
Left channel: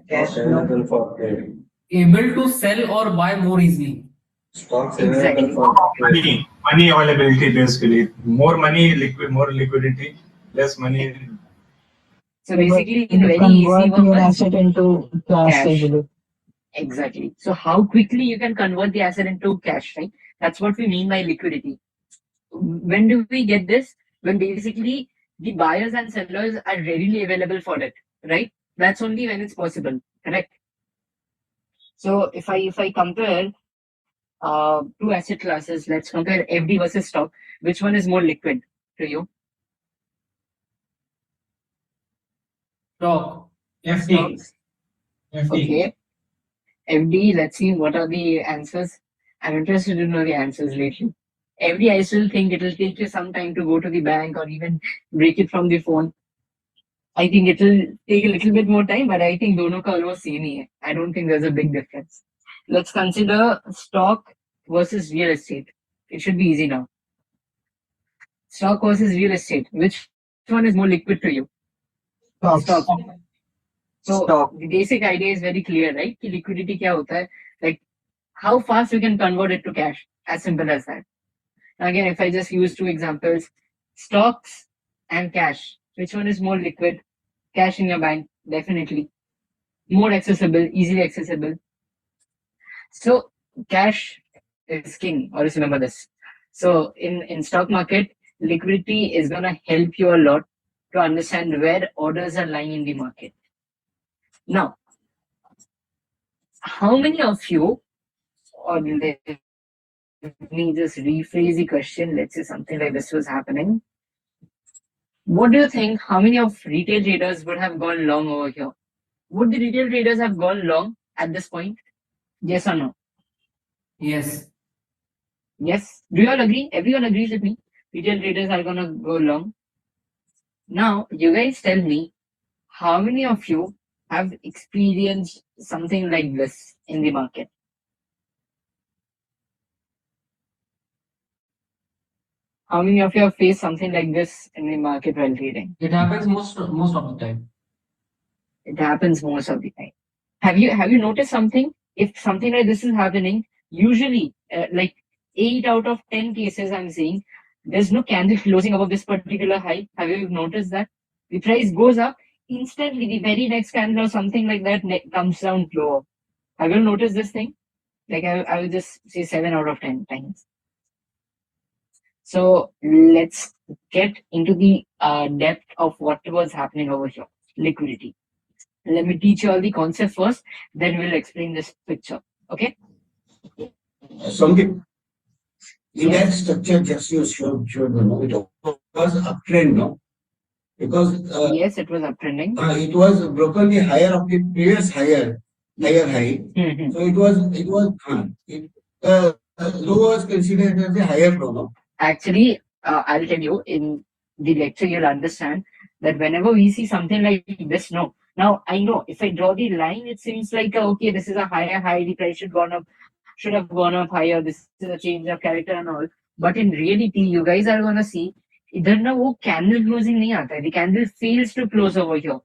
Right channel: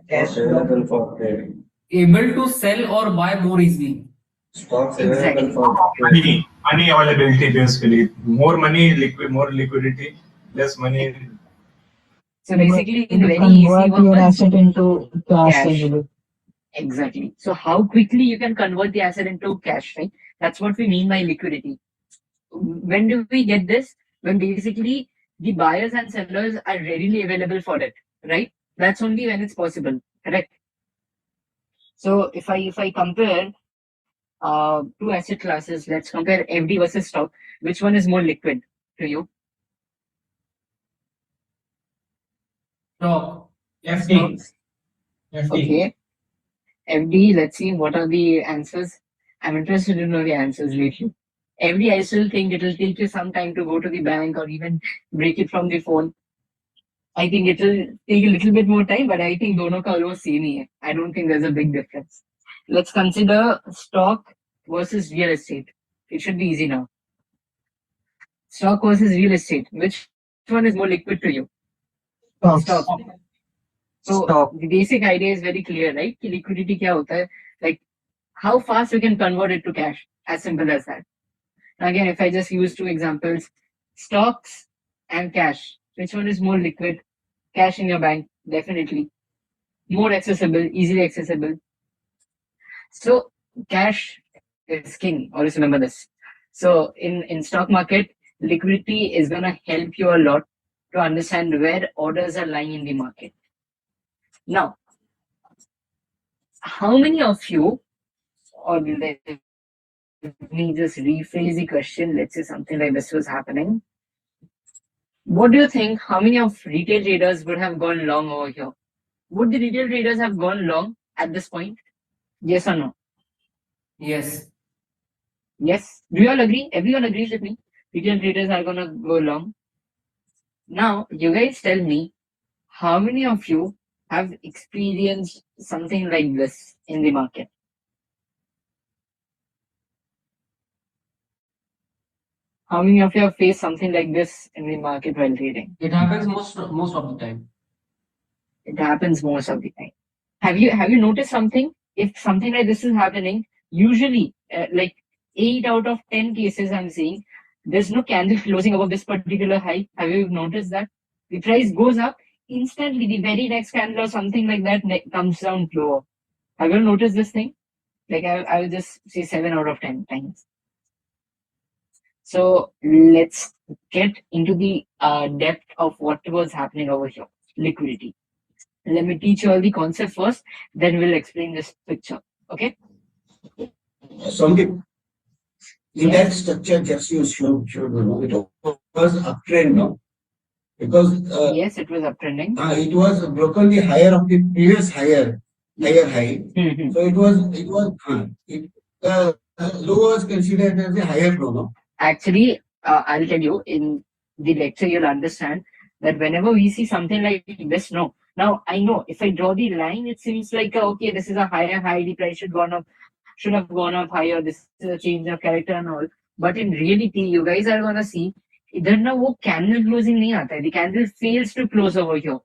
Stocks available for trade. Able to sell or buy more easily. Stocks Exactly. available for trade. Money availability basically. More money, more liquidity, less money. So basically, in very convert easy your words, asset into cash cash. easily. Exactly. So how quickly you can convert the asset into cash, right? That's what we mean by liquidity. When do we get this? When basically the buyers and sellers are readily available for it, right? That's only when it's possible, correct? So if I compare two asset classes, let's compare FD versus stock. Which one is more liquid to you? Stock. FD. Okay. FD, let's see what are the answers. I'm interested to know the answers lately. FD, I still think it will take you some time to go to the bank or even break it from the phone. I think it will take a little bit more time, but I think dono ka almost same hi hai. I don't think there's a big difference. Let's consider stock versus real estate. It should be easy now. Stock versus real estate. Which one is more liquid to you? Stock. So the basic idea is very clear, right? Ki liquidity kya hota hai? Like how fast you can convert it to cash. As simple as that. Now again, if I just use two examples, stocks and cash. Which one is more liquid? Cash in your bank, definitely. More accessible, easily accessible. So cash is king. Always remember this. So in stock market, liquidity is gonna help you a lot to understand where orders are lying in the market. Now, how many of you, or let me just rephrase the question. Let's say something like this was happening. What do you think? How many of retail traders would have gone long over here? Would the retail traders have gone long at this point? Yes or no? Yes. Yes. Do you all agree? Everyone agrees with me. Retail traders are gonna go long. Now, you guys tell me, how many of you have experienced something like this in the market? How many of you have faced something like this in the market while trading? It happens most of the time. It happens most of the time. Have you noticed something? If something like this is happening, usually like 8 out of 10 cases I'm seeing, there's no candle closing above this particular high. Have you noticed that? The price goes up, instantly the very next candle or something like that comes down lower. Have you noticed this thing? Like I will just say 7 out of 10 times. So let's get into the depth of what was happening over here. Liquidity. Let me teach you all the concept first, then we'll explain this picture. Okay? Something in that structure just you showed it was uptrend, no? Because yes, it was uptrending. it was broken the higher of the previous higher high. Mhm. So it was low was considered as the higher low, no? Actually, I'll tell you in the lecture, you'll understand that whenever we see something like this, no. Now, I know if I draw the line, it seems like, okay, this is a higher high, the price should have gone up higher, this is a change of character and all. But in reality, you guys are gonna see, इधर ना वो candle closing नहीं आता है. The candle fails to close over here.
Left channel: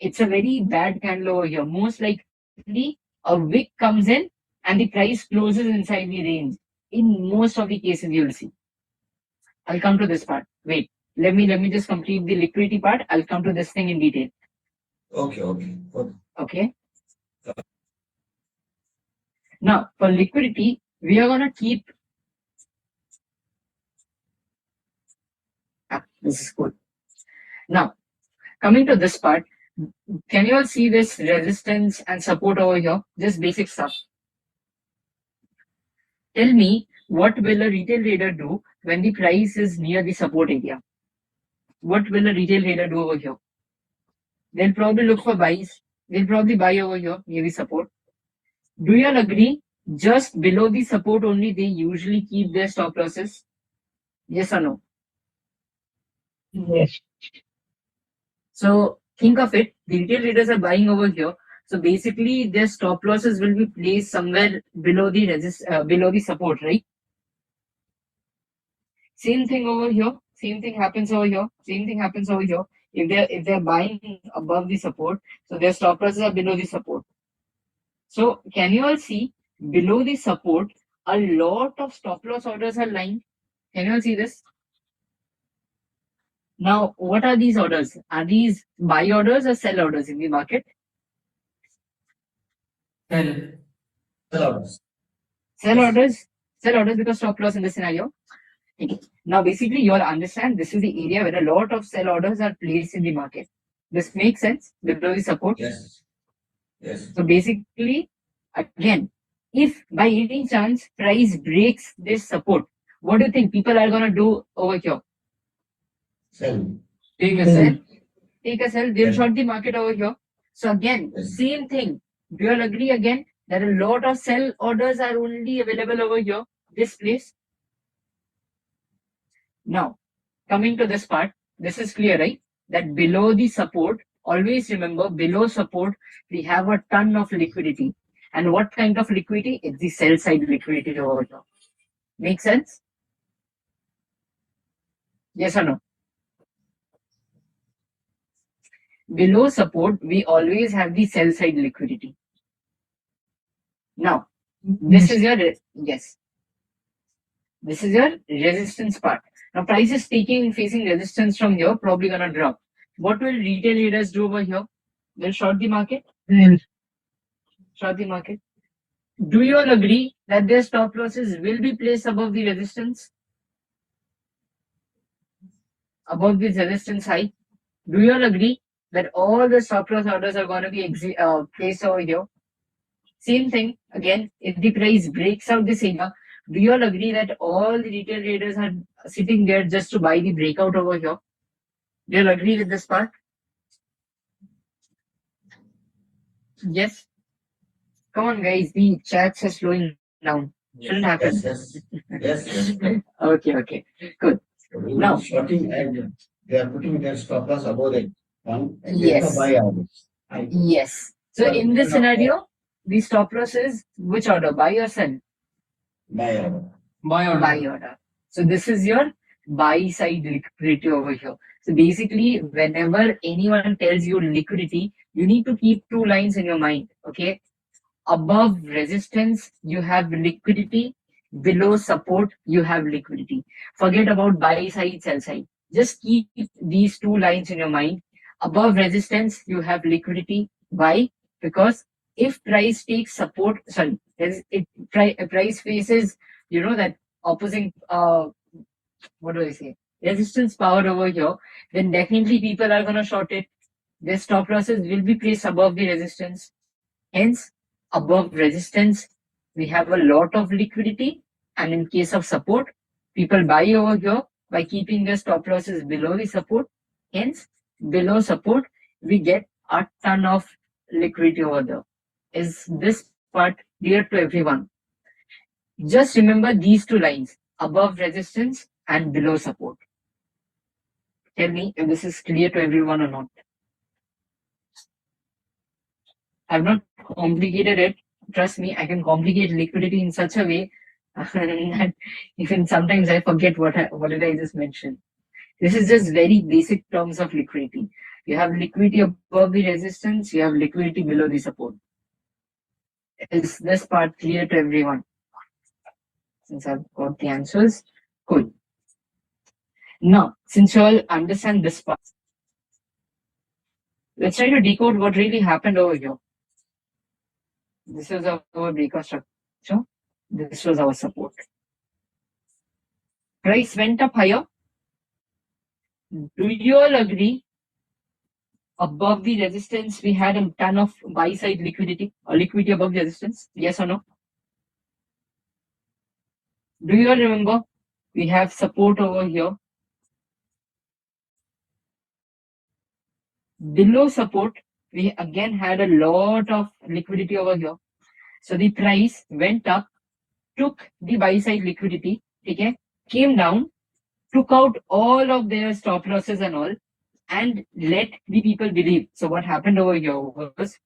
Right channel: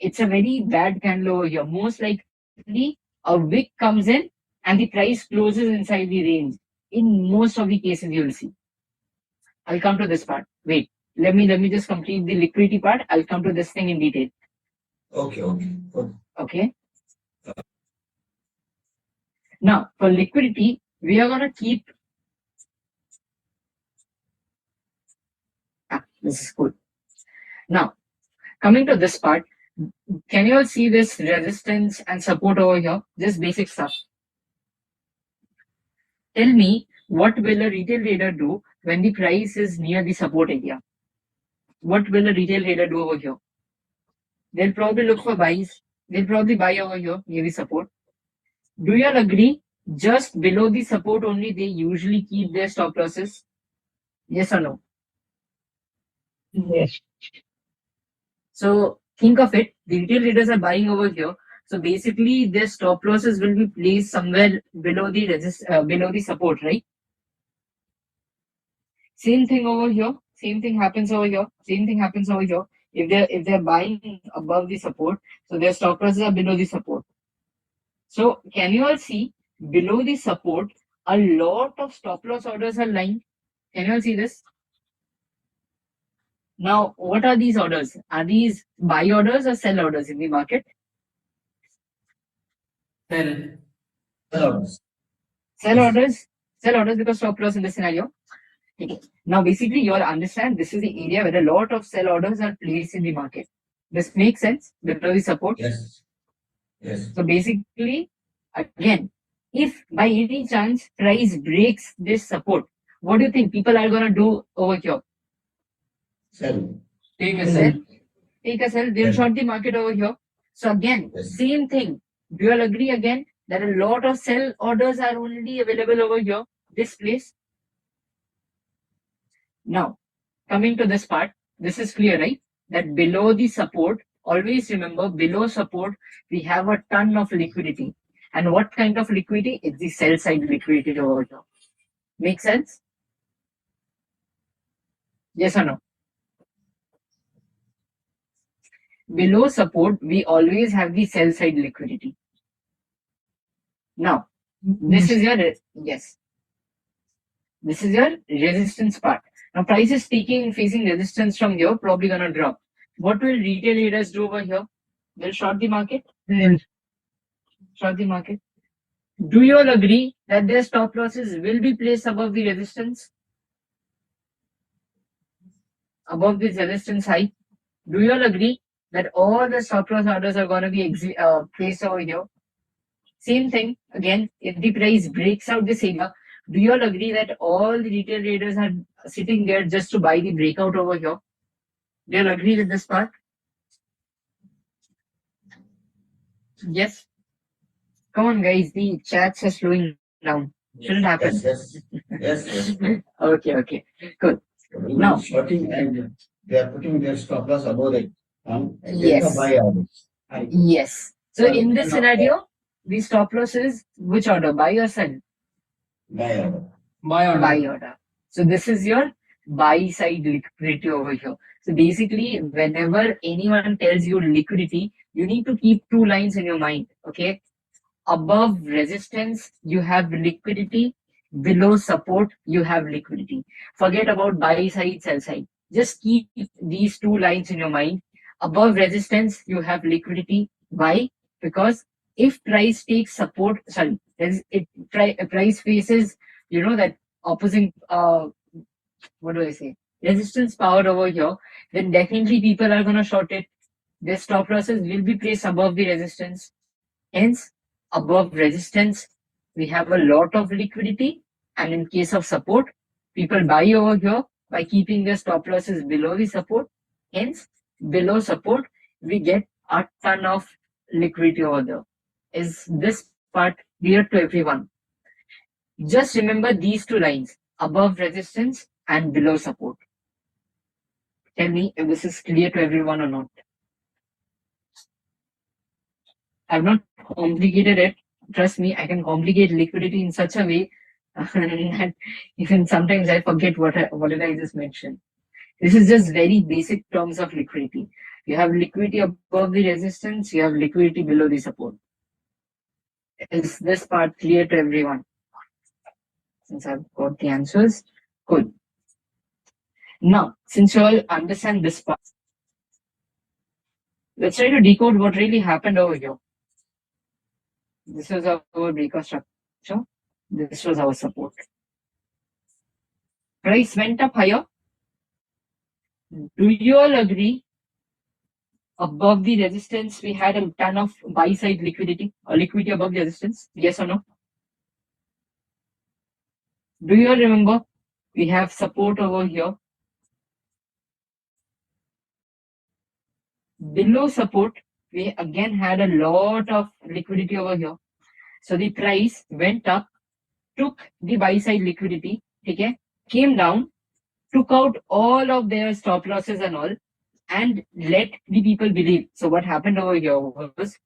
It's a very bad candle over here. Most likely, a wick comes in and the price closes inside the range. In most of the cases, you'll see. I'll come to this part. Wait, let me just complete the liquidity part. I'll come to this thing in detail. Okay. Now, for liquidity, we are gonna keep. This is good. Now, coming to this part, can you all see this resistance and support over here? This basic stuff. Tell me, what will a retail trader do when the price is near the support area? What will a retail trader do over here? They'll probably look for buys. They'll probably buy over here near the support. Do you all agree? Just below the support only, they usually keep their stop losses. Yes or no? Yes. So think of it. The retail traders are buying over here. So basically, their stop losses will be placed somewhere below the support, right? Same thing over here. Same thing happens over here. Same thing happens over here. If they're buying above the support, so their stop losses are below the support. So can you all see below the support, a lot of stop loss orders are lying? Can you all see this? Now, what are these orders? Are these buy orders or sell orders in the market? Sell orders. Sell orders. Sell orders because stop loss in this scenario. Okay. Now, basically, you all understand this is the area where a lot of sell orders are placed in the market. This makes sense below the support. Yes. Yes. So basically, again, if by any chance price breaks this support, what do you think people are gonna do over here? Sell. Take a sell. Take a sell. They'll short the market over here. So again, same thing. Do you all agree again that a lot of sell orders are only available over here, this place? Now, coming to this part, this is clear, right? That below the support, always remember below support, we have a ton of liquidity. And what kind of liquidity? It's the sell side liquidity over here. Make sense? Yes or no? Below support, we always have the sell side liquidity. Now, this is your, yes. This is your resistance part. Now, price is facing resistance from here, probably gonna drop. What will retail traders do over here? They'll short the market. Short the market. Do you all agree that their stop losses will be placed above the resistance? Above this resistance high? Do you all agree that all the stop loss orders are going to be placed over here? Same thing, again, if the price breaks out this area, do you all agree that all the retail traders are sitting there just to buy the breakout over here? Do you agree with this part? Yes. Come on, guys. The chats are slowing down. Shouldn't happen. Yes. Okay. Good. Now- Shorting and they are putting their stop loss above it. And Yes. there's a buy order. Yes. So But in this scenario, the stop loss is which order? Buy or sell? Buy order. Buy order. So this is your buy side liquidity over here. So basically, whenever anyone tells you liquidity, you need to keep two lines in your mind. Okay. Above resistance, you have liquidity. Below support, you have liquidity. Forget about buy side, sell side. Just keep these two lines in your mind. Above resistance, you have liquidity. Why? Because if price takes support, sorry, price faces, that opposing, what do I say? Resistance power over here, then definitely people are going to short it. Their stop losses will be placed above the resistance. Hence, above resistance, we have a lot of liquidity. And in case of support, people buy over here by keeping their stop losses below the support. Hence, below support, we get a ton of liquidity over there. Is this part clear to everyone? Just remember these two lines, above resistance and below support. Tell me if this is clear to everyone or not. I've not complicated it. Trust me, I can complicate liquidity in such a way that even sometimes I forget what did I just mention. This is just very basic terms of liquidity. You have liquidity above the resistance, you have liquidity below the support. Is this part clear to everyone? Since I've got the answers, good. Now, since you all understand this part, let's try to decode what really happened over here. This was our breakout structure. This was our support. Price went up higher. Do you all agree? Above the resistance, we had a ton of buy side liquidity, or liquidity above the resistance. Yes or no? Do you all remember? We have support over here. Below support, we again had a lot of liquidity over here. So the price went up, took the buy side liquidity, okay, came down, took out all of their stop losses and all, and let the people believe. So what happened over here was,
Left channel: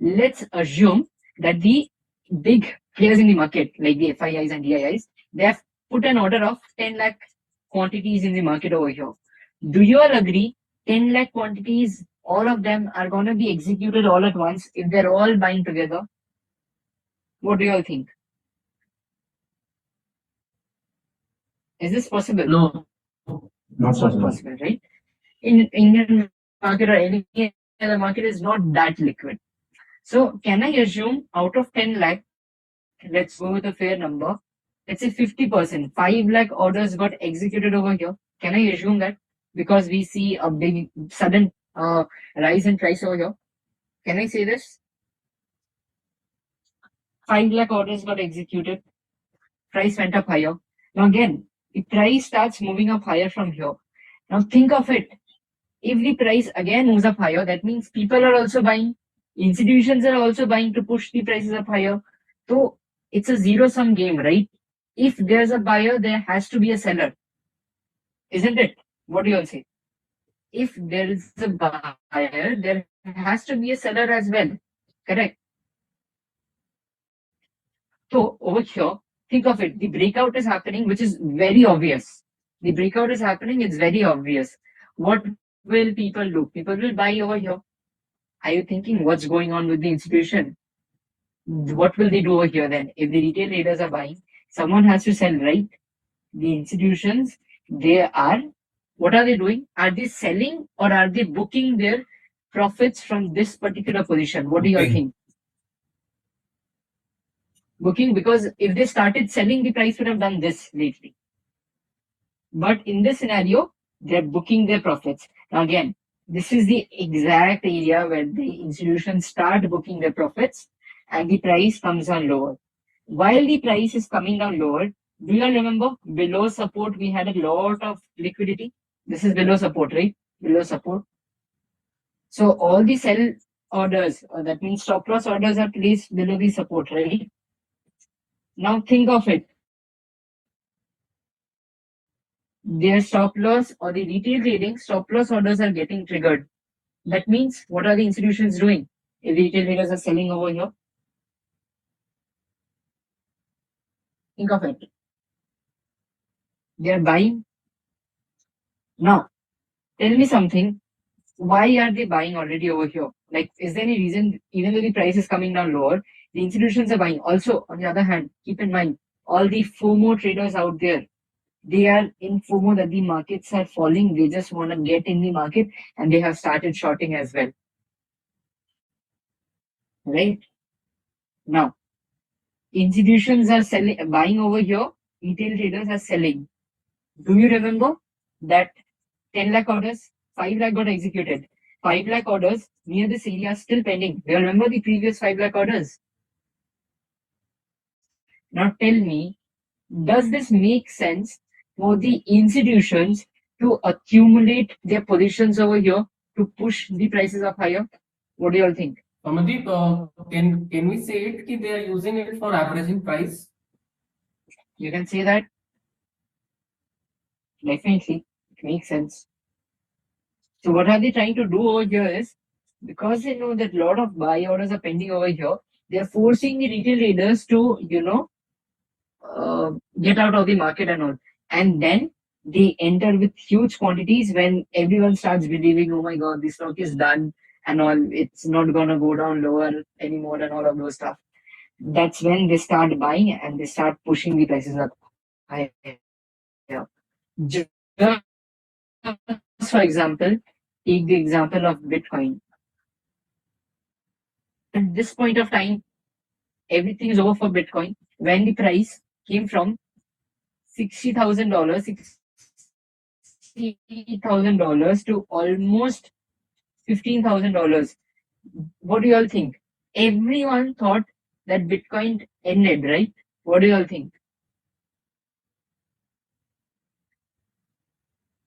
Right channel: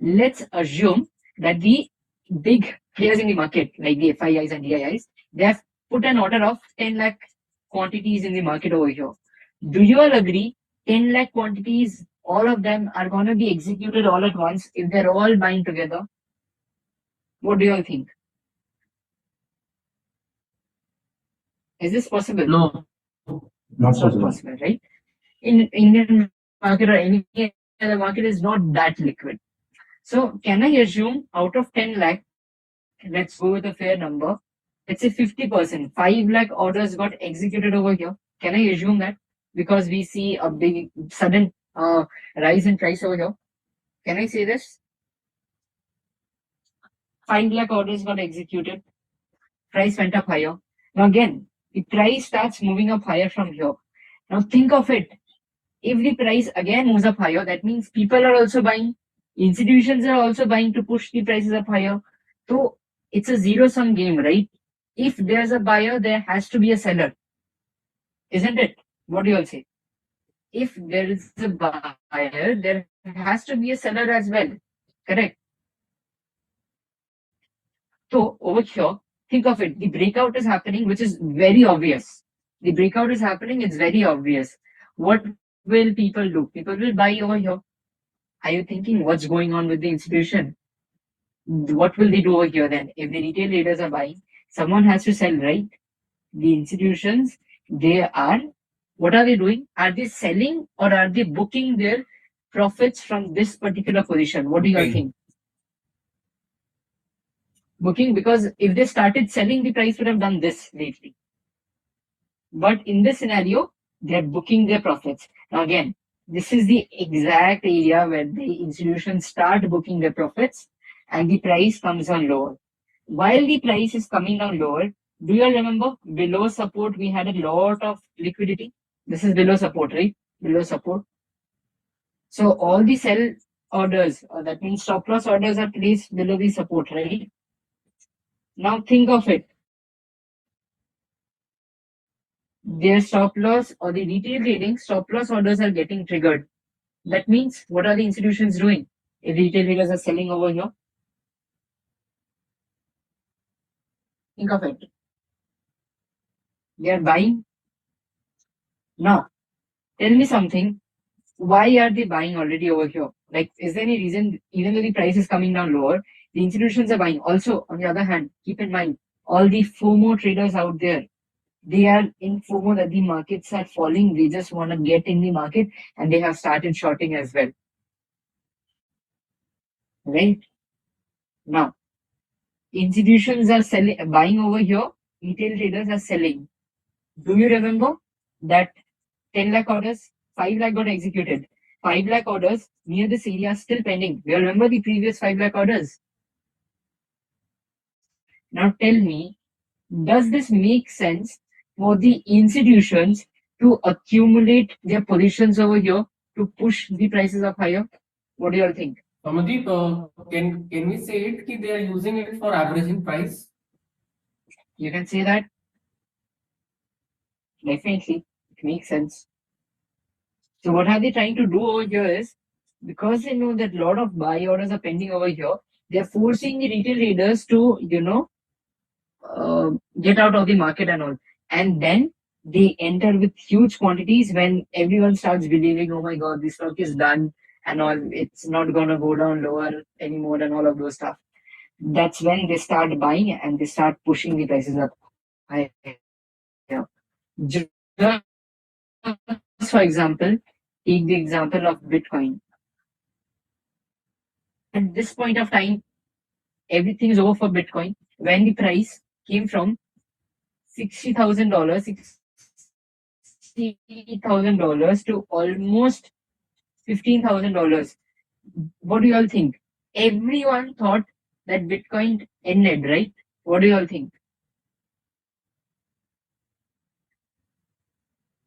let's assume that the big players in the market, like the FIIs and DIIs, they have put an order of 10 lakh quantities in the market over here. Do you all agree 10 lakh quantities, all of them are going to be executed all at once if they're all buying together? What do you all think? Is this possible? No. Not possible, right? In Indian market or any other market is not that liquid. So can I assume out of 10 lakh, let's go with a fair number, let's say 50%, 5 lakh orders got executed over here. Can I assume that? Because we see a big sudden rise in price over here. Can I say this? 5 lakh orders got executed. Price went up higher. Now again, the price starts moving up higher from here. Now think of it. If the price again moves up higher, that means people are also buying. Institutions are also buying to push the prices up higher. So it's a zero-sum game, right? If there's a buyer, there has to be a seller. Isn't it? What do you all say? If there is a buyer, there has to be a seller as well. Correct? So over here, think of it. The breakout is happening, which is very obvious. The breakout is happening, it's very obvious. What will people do? People will buy over here. Are you thinking what's going on with the institution? What will they do over here then? If the retail traders are buying, someone has to sell, right? The institutions, what are they doing? Are they selling or are they booking their profits from this particular position? What do you all think? Booking, because if they started selling, the price would have done this lately. But in this scenario, they're booking their profits. Now again, this is the exact area where the institutions start booking their profits and the price comes down lower. While the price is coming down lower, Do you all remember below support we had a lot of liquidity? This is below support, right? Below support. So all the sell orders, that means stop loss orders are placed below the support, right? Now think of it. Their stop loss or the retail trading stop loss orders are getting triggered. That means what are the institutions doing? If retail traders are selling over here, think of it. They are buying. Now, tell me something. Why are they buying already over here? Like, is there any reason, even though the price is coming down lower, the institutions are buying? Also, on the other hand, keep in mind, all the FOMO traders out there, they are in FOMO that the markets are falling. They just want to get in the market and they have started shorting as well. Right? Now, institutions are selling, buying over here, retail traders are selling. Do you remember that 10 lakh orders, 5 lakh got executed? 5 lakh orders near this area still pending. Do you remember the previous 5 lakh orders? Now tell me, does this make sense for the institutions to accumulate their positions over here to push the prices up higher? What do you all think? Amandeep, can we say it that they are using it for averaging price? You can say that. Definitely, it makes sense. So what are they trying to do over here is, because they know that a lot of buy orders are pending over here, they are forcing the retail traders to, get out of the market and all. And then they enter with huge quantities when everyone starts believing, oh my god, this stock is done and all, it's not gonna go down lower anymore and all of those stuff. That's when they start buying and they start pushing the prices up higher. Just for example, take the example of Bitcoin. At this point of time, everything is over for Bitcoin. When the price came from $60,000, $60,000 to almost $15,000. What do you all think? Everyone thought that Bitcoin ended, right? What do you all think?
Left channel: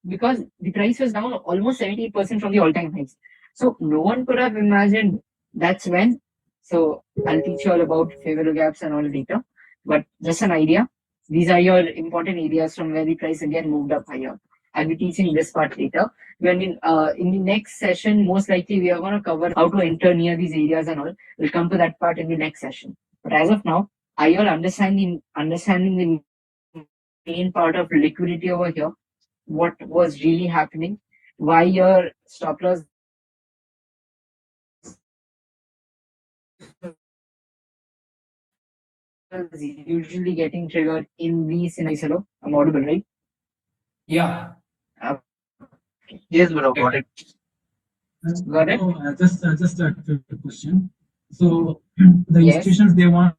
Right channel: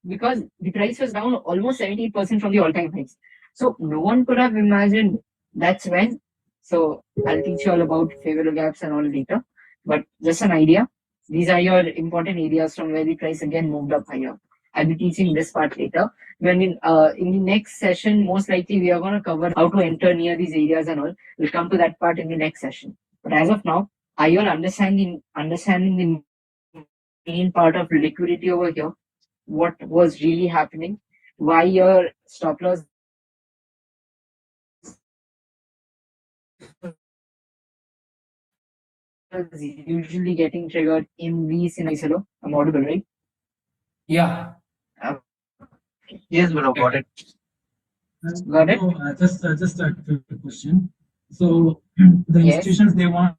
Because the price was down almost 70% from the all-time highs. So no one could have imagined that's when. So I'll teach you all about favorable gaps and all later. But just an idea. These are your important areas from where the price again moved up higher. I'll be teaching this part later. When in the next session, most likely we are going to cover how to enter near these areas and all. We'll come to that part in the next session. But as of now, are you all understanding the main part of liquidity over here? What was really happening? Why your stop loss is usually getting triggered in these scenarios? Hello, I'm audible, right? Yeah. Yes, bro, got it. Got it? Just a quick question. So the Yes. institutions they want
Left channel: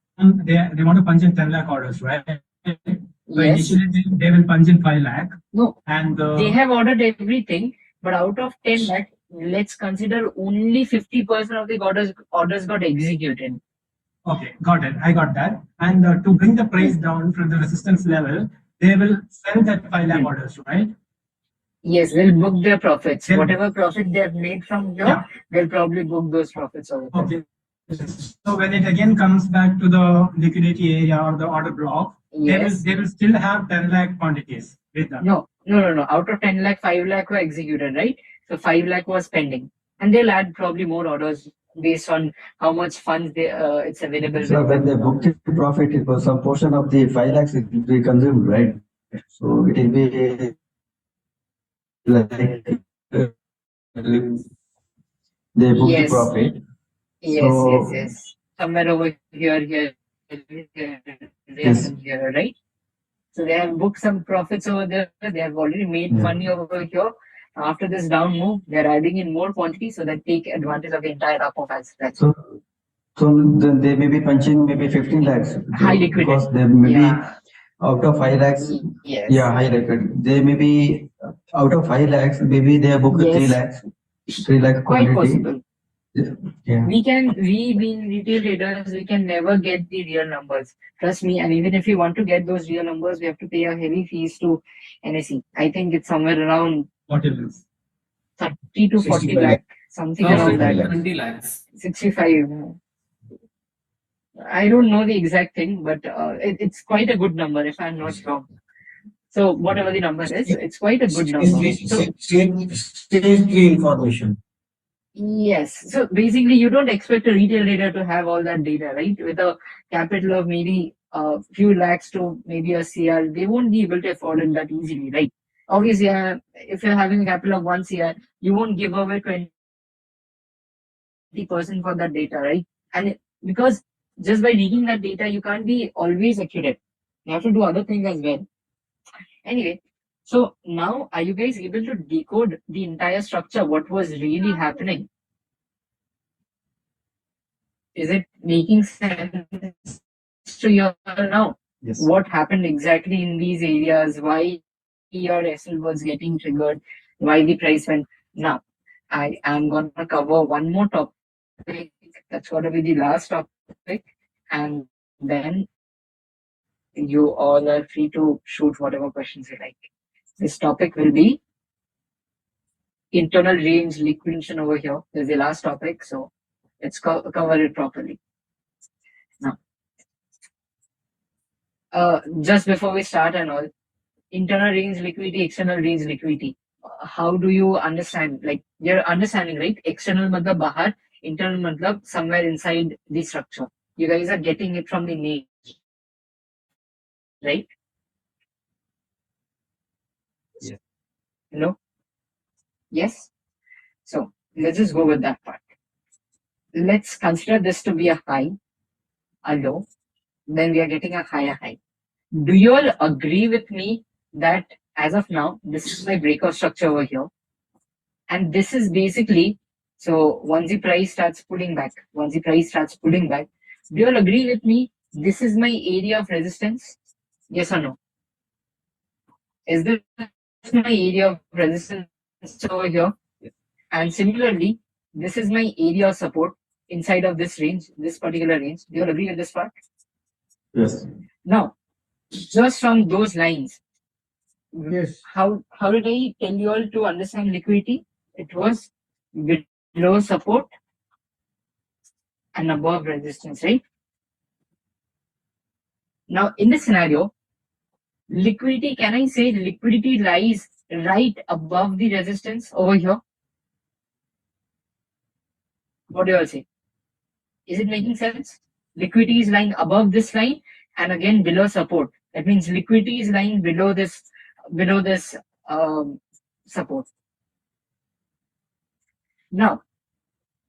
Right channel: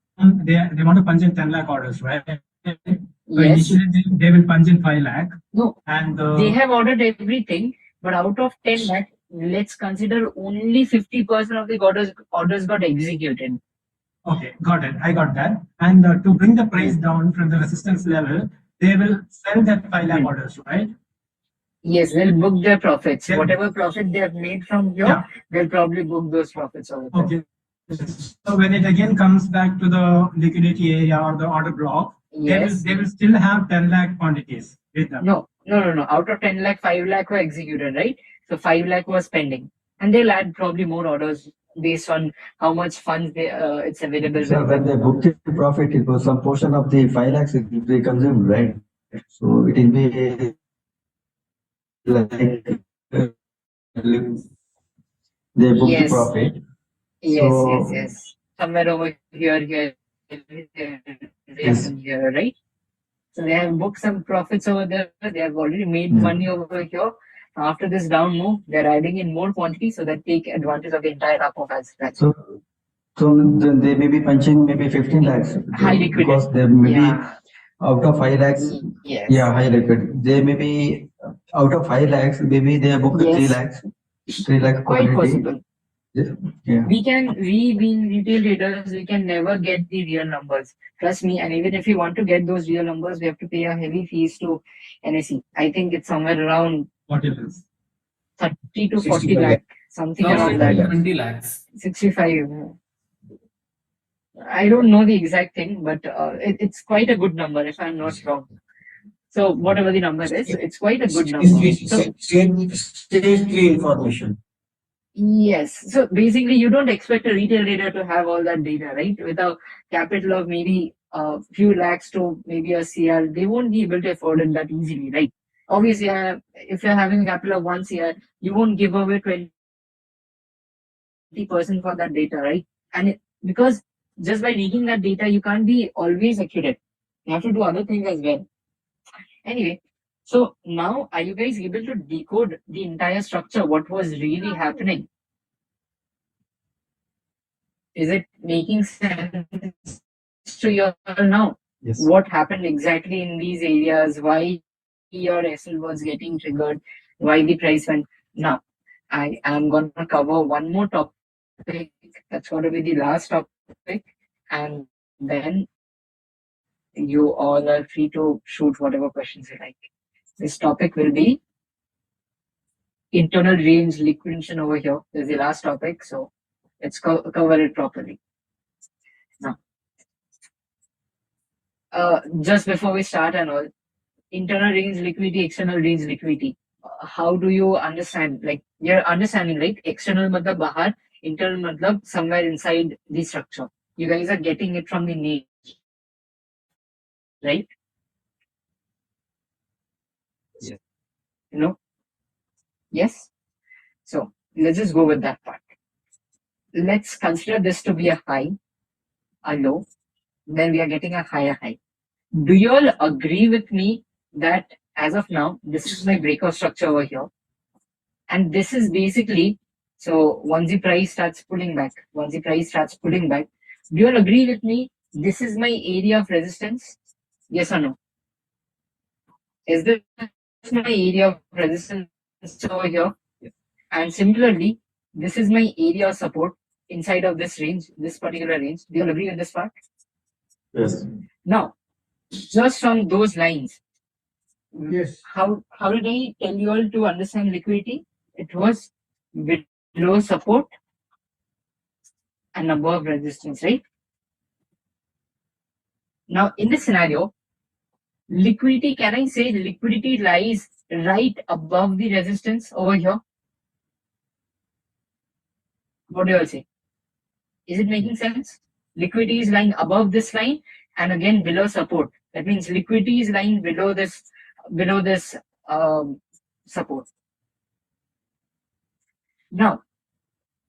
to punch in 10 lakh orders, right? So Yes. initially they will punch in 5 lakh. No, And they have ordered everything, but out of 10 lakh, let's consider only 50% of the orders got executed. okay, got it. I got that. And to bring the price down from the resistance level, they will sell that 5 lakh orders, right? Yes, they'll book their profits. Yeah. Whatever profit they have made from here, Yeah. they'll probably book those profits over there. Okay. So when it again comes back to the liquidity area or the order block, Yes. they will still have 10 lakh quantities with them. No. Out of 10 lakh, 5 lakh were executed, right? So 5 lakh was pending. And they'll add probably more orders based on how much funds it's available. So with when them. they book the profit, it was some portion of the 5 lakhs it will be consumed, right? So it will be like they book Yes. the profit. Yes. Somewhere over here, Yes. here, right? So they have booked some profits over there. They have already made Yeah. money over here. After this down move, they're adding in more quantity so that take advantage of the entire up of as well. So then they may be punching maybe 15 lakhs. High liquidity. Because they may be Yeah. out of 5 lakhs. Yes. Yeah, high liquid. They may be out of 5 lakhs, maybe they have booked Yes. 3 lakhs. 3 lakh Quite quantity. possible. Yeah. We being retail traders, we can never get the real numbers. Trust me. And even if we want to get those real numbers, we have to pay a heavy fees to NSE. I think it's somewhere around What it is? 30 to 40 65 lakh, something No, around that. 20 lakhs. 65. I don't know the exact thing, but it's quite a good number if I'm not wrong. So whatever the number is, it's quite a good number. So Stage 3 information. yes. So basically, you don't expect a retail trader to have all that data, right? With a capital of maybe a few lakhs to maybe a CR, they won't be able to afford it that easily, right? Obviously, if you're having a capital of 1 CR, you won't give away 20% for that data, right? And because just by reading that data, you can't be always accurate. You have to do other things as well. Anyway, so now are you guys able to decode the entire structure? What was really happening? Is it making sense to you now? Yes. What happened exactly in these areas? Why your SL was getting triggered? Why the price went? Now, I am going to cover one more topic. That's going to be the last topic. And then you all are free to shoot whatever questions you like. This topic will be internal range liquidation over here. This is the last topic. So let's cover it properly. Now, just before we start and all, internal range liquidity, external range liquidity. How do you understand? Like you're understanding, right? External matlab bahar, internal matlab somewhere inside the structure. You guys are getting it from the name, right? Yes. No? Yes? So let's just go with that part. Let's consider this to be a high, a low, then we are getting a higher high. Do you all agree with me that as of now, this is my breakout structure over here? And this is basically, so once the price starts pulling back, do you all agree with me? This is my area of resistance? Yes or no? Is this my area of resistance over here? And similarly, this is my area of support inside of this range, this particular range. Do you all agree with this part? Yes. Now, just from those lines, Yes. how did I tell you all to understand liquidity? It was below support and above resistance, right? Now, in this scenario, liquidity, can I say liquidity lies right above the resistance over here? What do you all say? Is it making sense? Liquidity is lying above this line and again below support. That means liquidity is lying below this support. Now,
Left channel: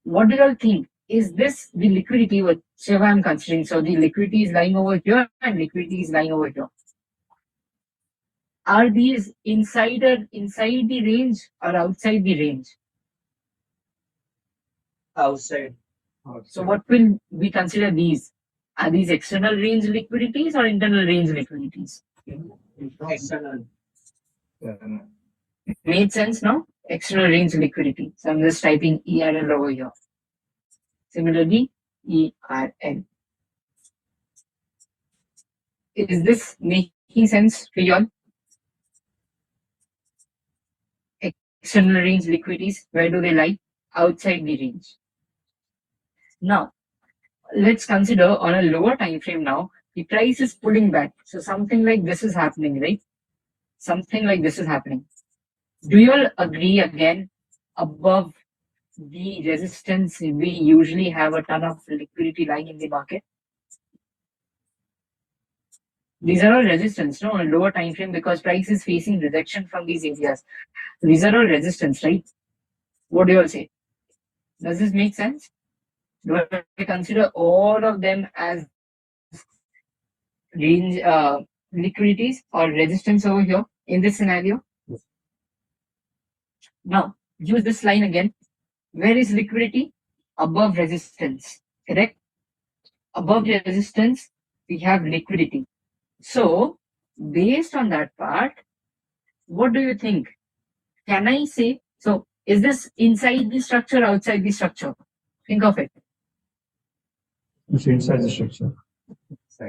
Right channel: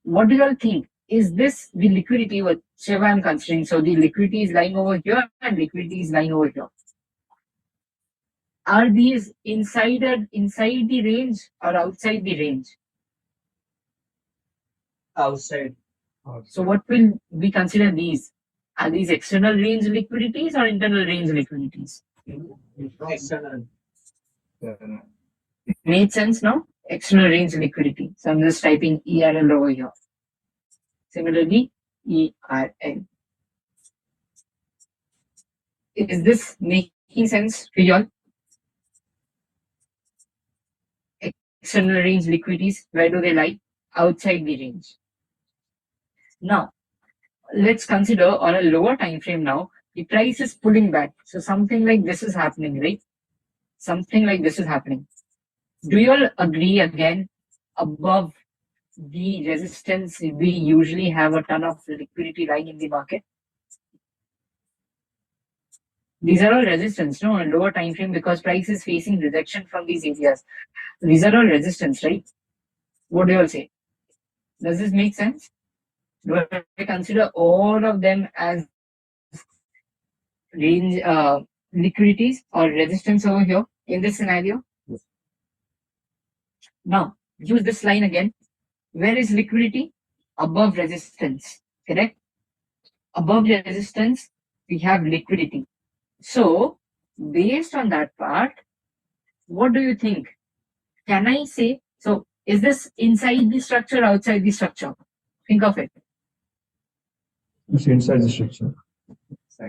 what do you all think? Is this the liquidity whichever I'm considering? So the liquidity is lying over here and liquidity is lying over here. Are these inside the range or outside the range? Outside. So what will we consider these? Are these external range liquidities or internal range liquidities? External. Made sense now? External range liquidity. So I'm just typing ERL over here. Similarly, ERL. Is this making sense to you all? External range liquidities, where do they lie? Outside the range. Now, let's consider on a lower time frame now, the price is pulling back. So something like this is happening, right? Something like this is happening. Do you all agree again, above the resistance, we usually have a ton of liquidity lying in the market? These are all resistance, no? On lower time frame because price is facing rejection from these areas. These are all resistance, right? What do you all say? Does this make sense? Do I consider all of them as range liquidities or resistance over here in this scenario? Yes. Now, use this line again. Where is liquidity? Above resistance, correct? Above the resistance, we have liquidity. So, based on that part, what do you think? Can I say, so is this inside the structure, outside the structure? Think of it. It's inside the structure.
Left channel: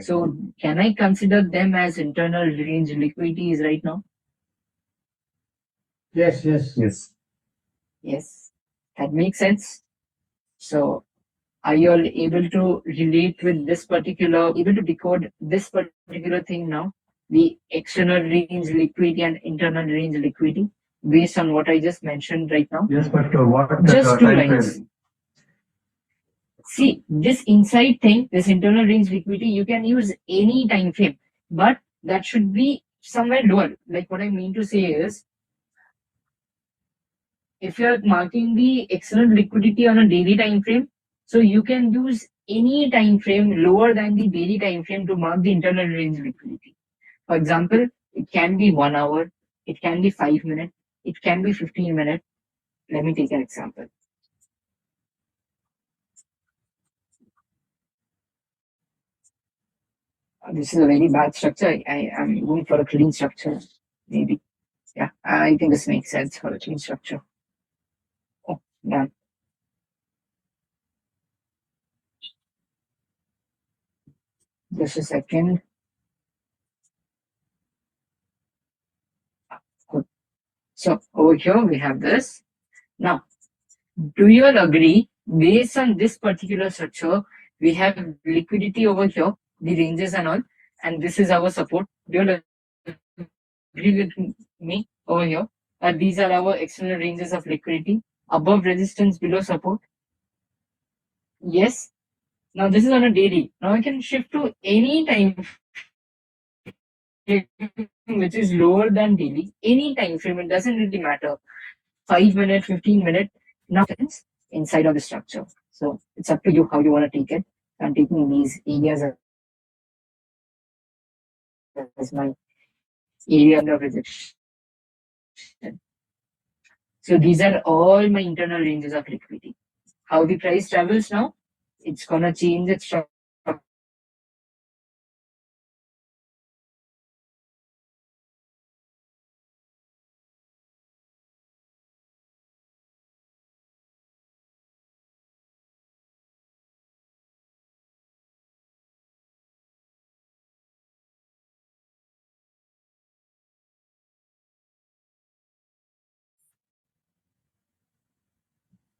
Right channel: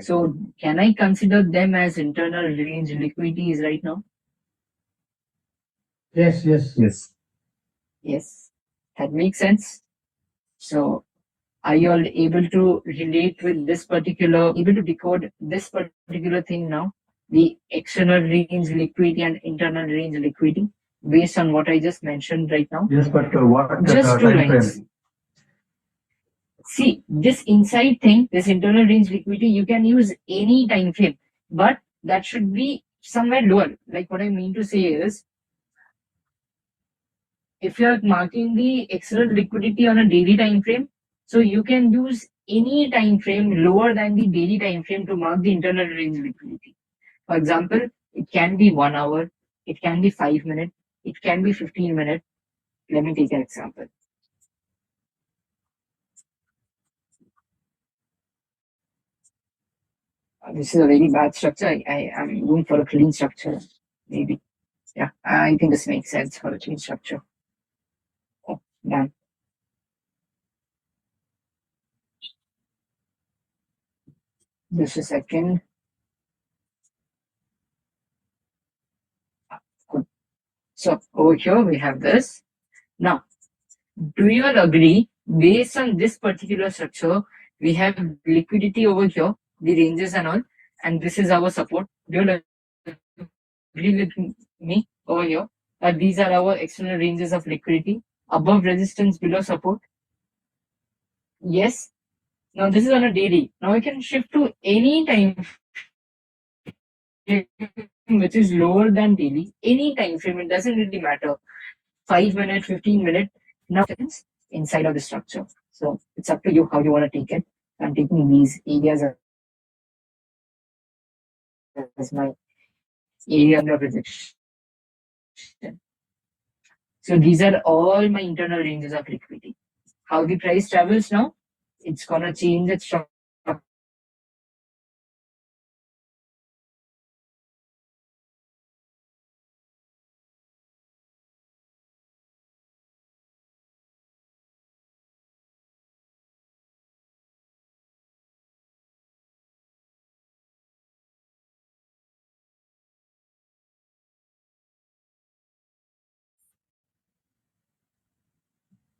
So can I consider them as internal range liquidities right now? Yes, yes. Yes. Yes, that makes sense. So are you all able to relate with this particular, able to decode this particular thing now? The external range liquidity and internal range liquidity based on what I just mentioned right now? Yes, but what Just two time lines. frame? See, this inside thing, this internal range liquidity, you can use any time frame, but that should be somewhere lower. Like what I mean to say is, if you're marking the external liquidity on a daily time frame, so you can use any time frame lower than the daily time frame to mark the internal range liquidity. For example, it can be 1 hour, it can be 5 minutes, it can be 15 minutes. Let me take an example. This is a very bad structure. I am going for a clean structure, maybe. Yeah, I think this makes sense for a clean structure. Oh, done. Just a second. Good. So over here we have this. Now, do you all agree, based on this particular structure, we have liquidity over here, the ranges and all, and this is our support. Do you all agree with me over here that these are our external ranges of liquidity, above resistance, below support? Yes. Now this is on a daily. Now I can shift to any time frame which is lower than daily, any time frame, it doesn't really matter. 5 minutes, 15 minutes, now it's inside of the structure. So it's up to you how you want to take it. I'm taking these areas as my area of rejection. So these are all my internal ranges of liquidity. How the price travels now, it's gonna change its structure.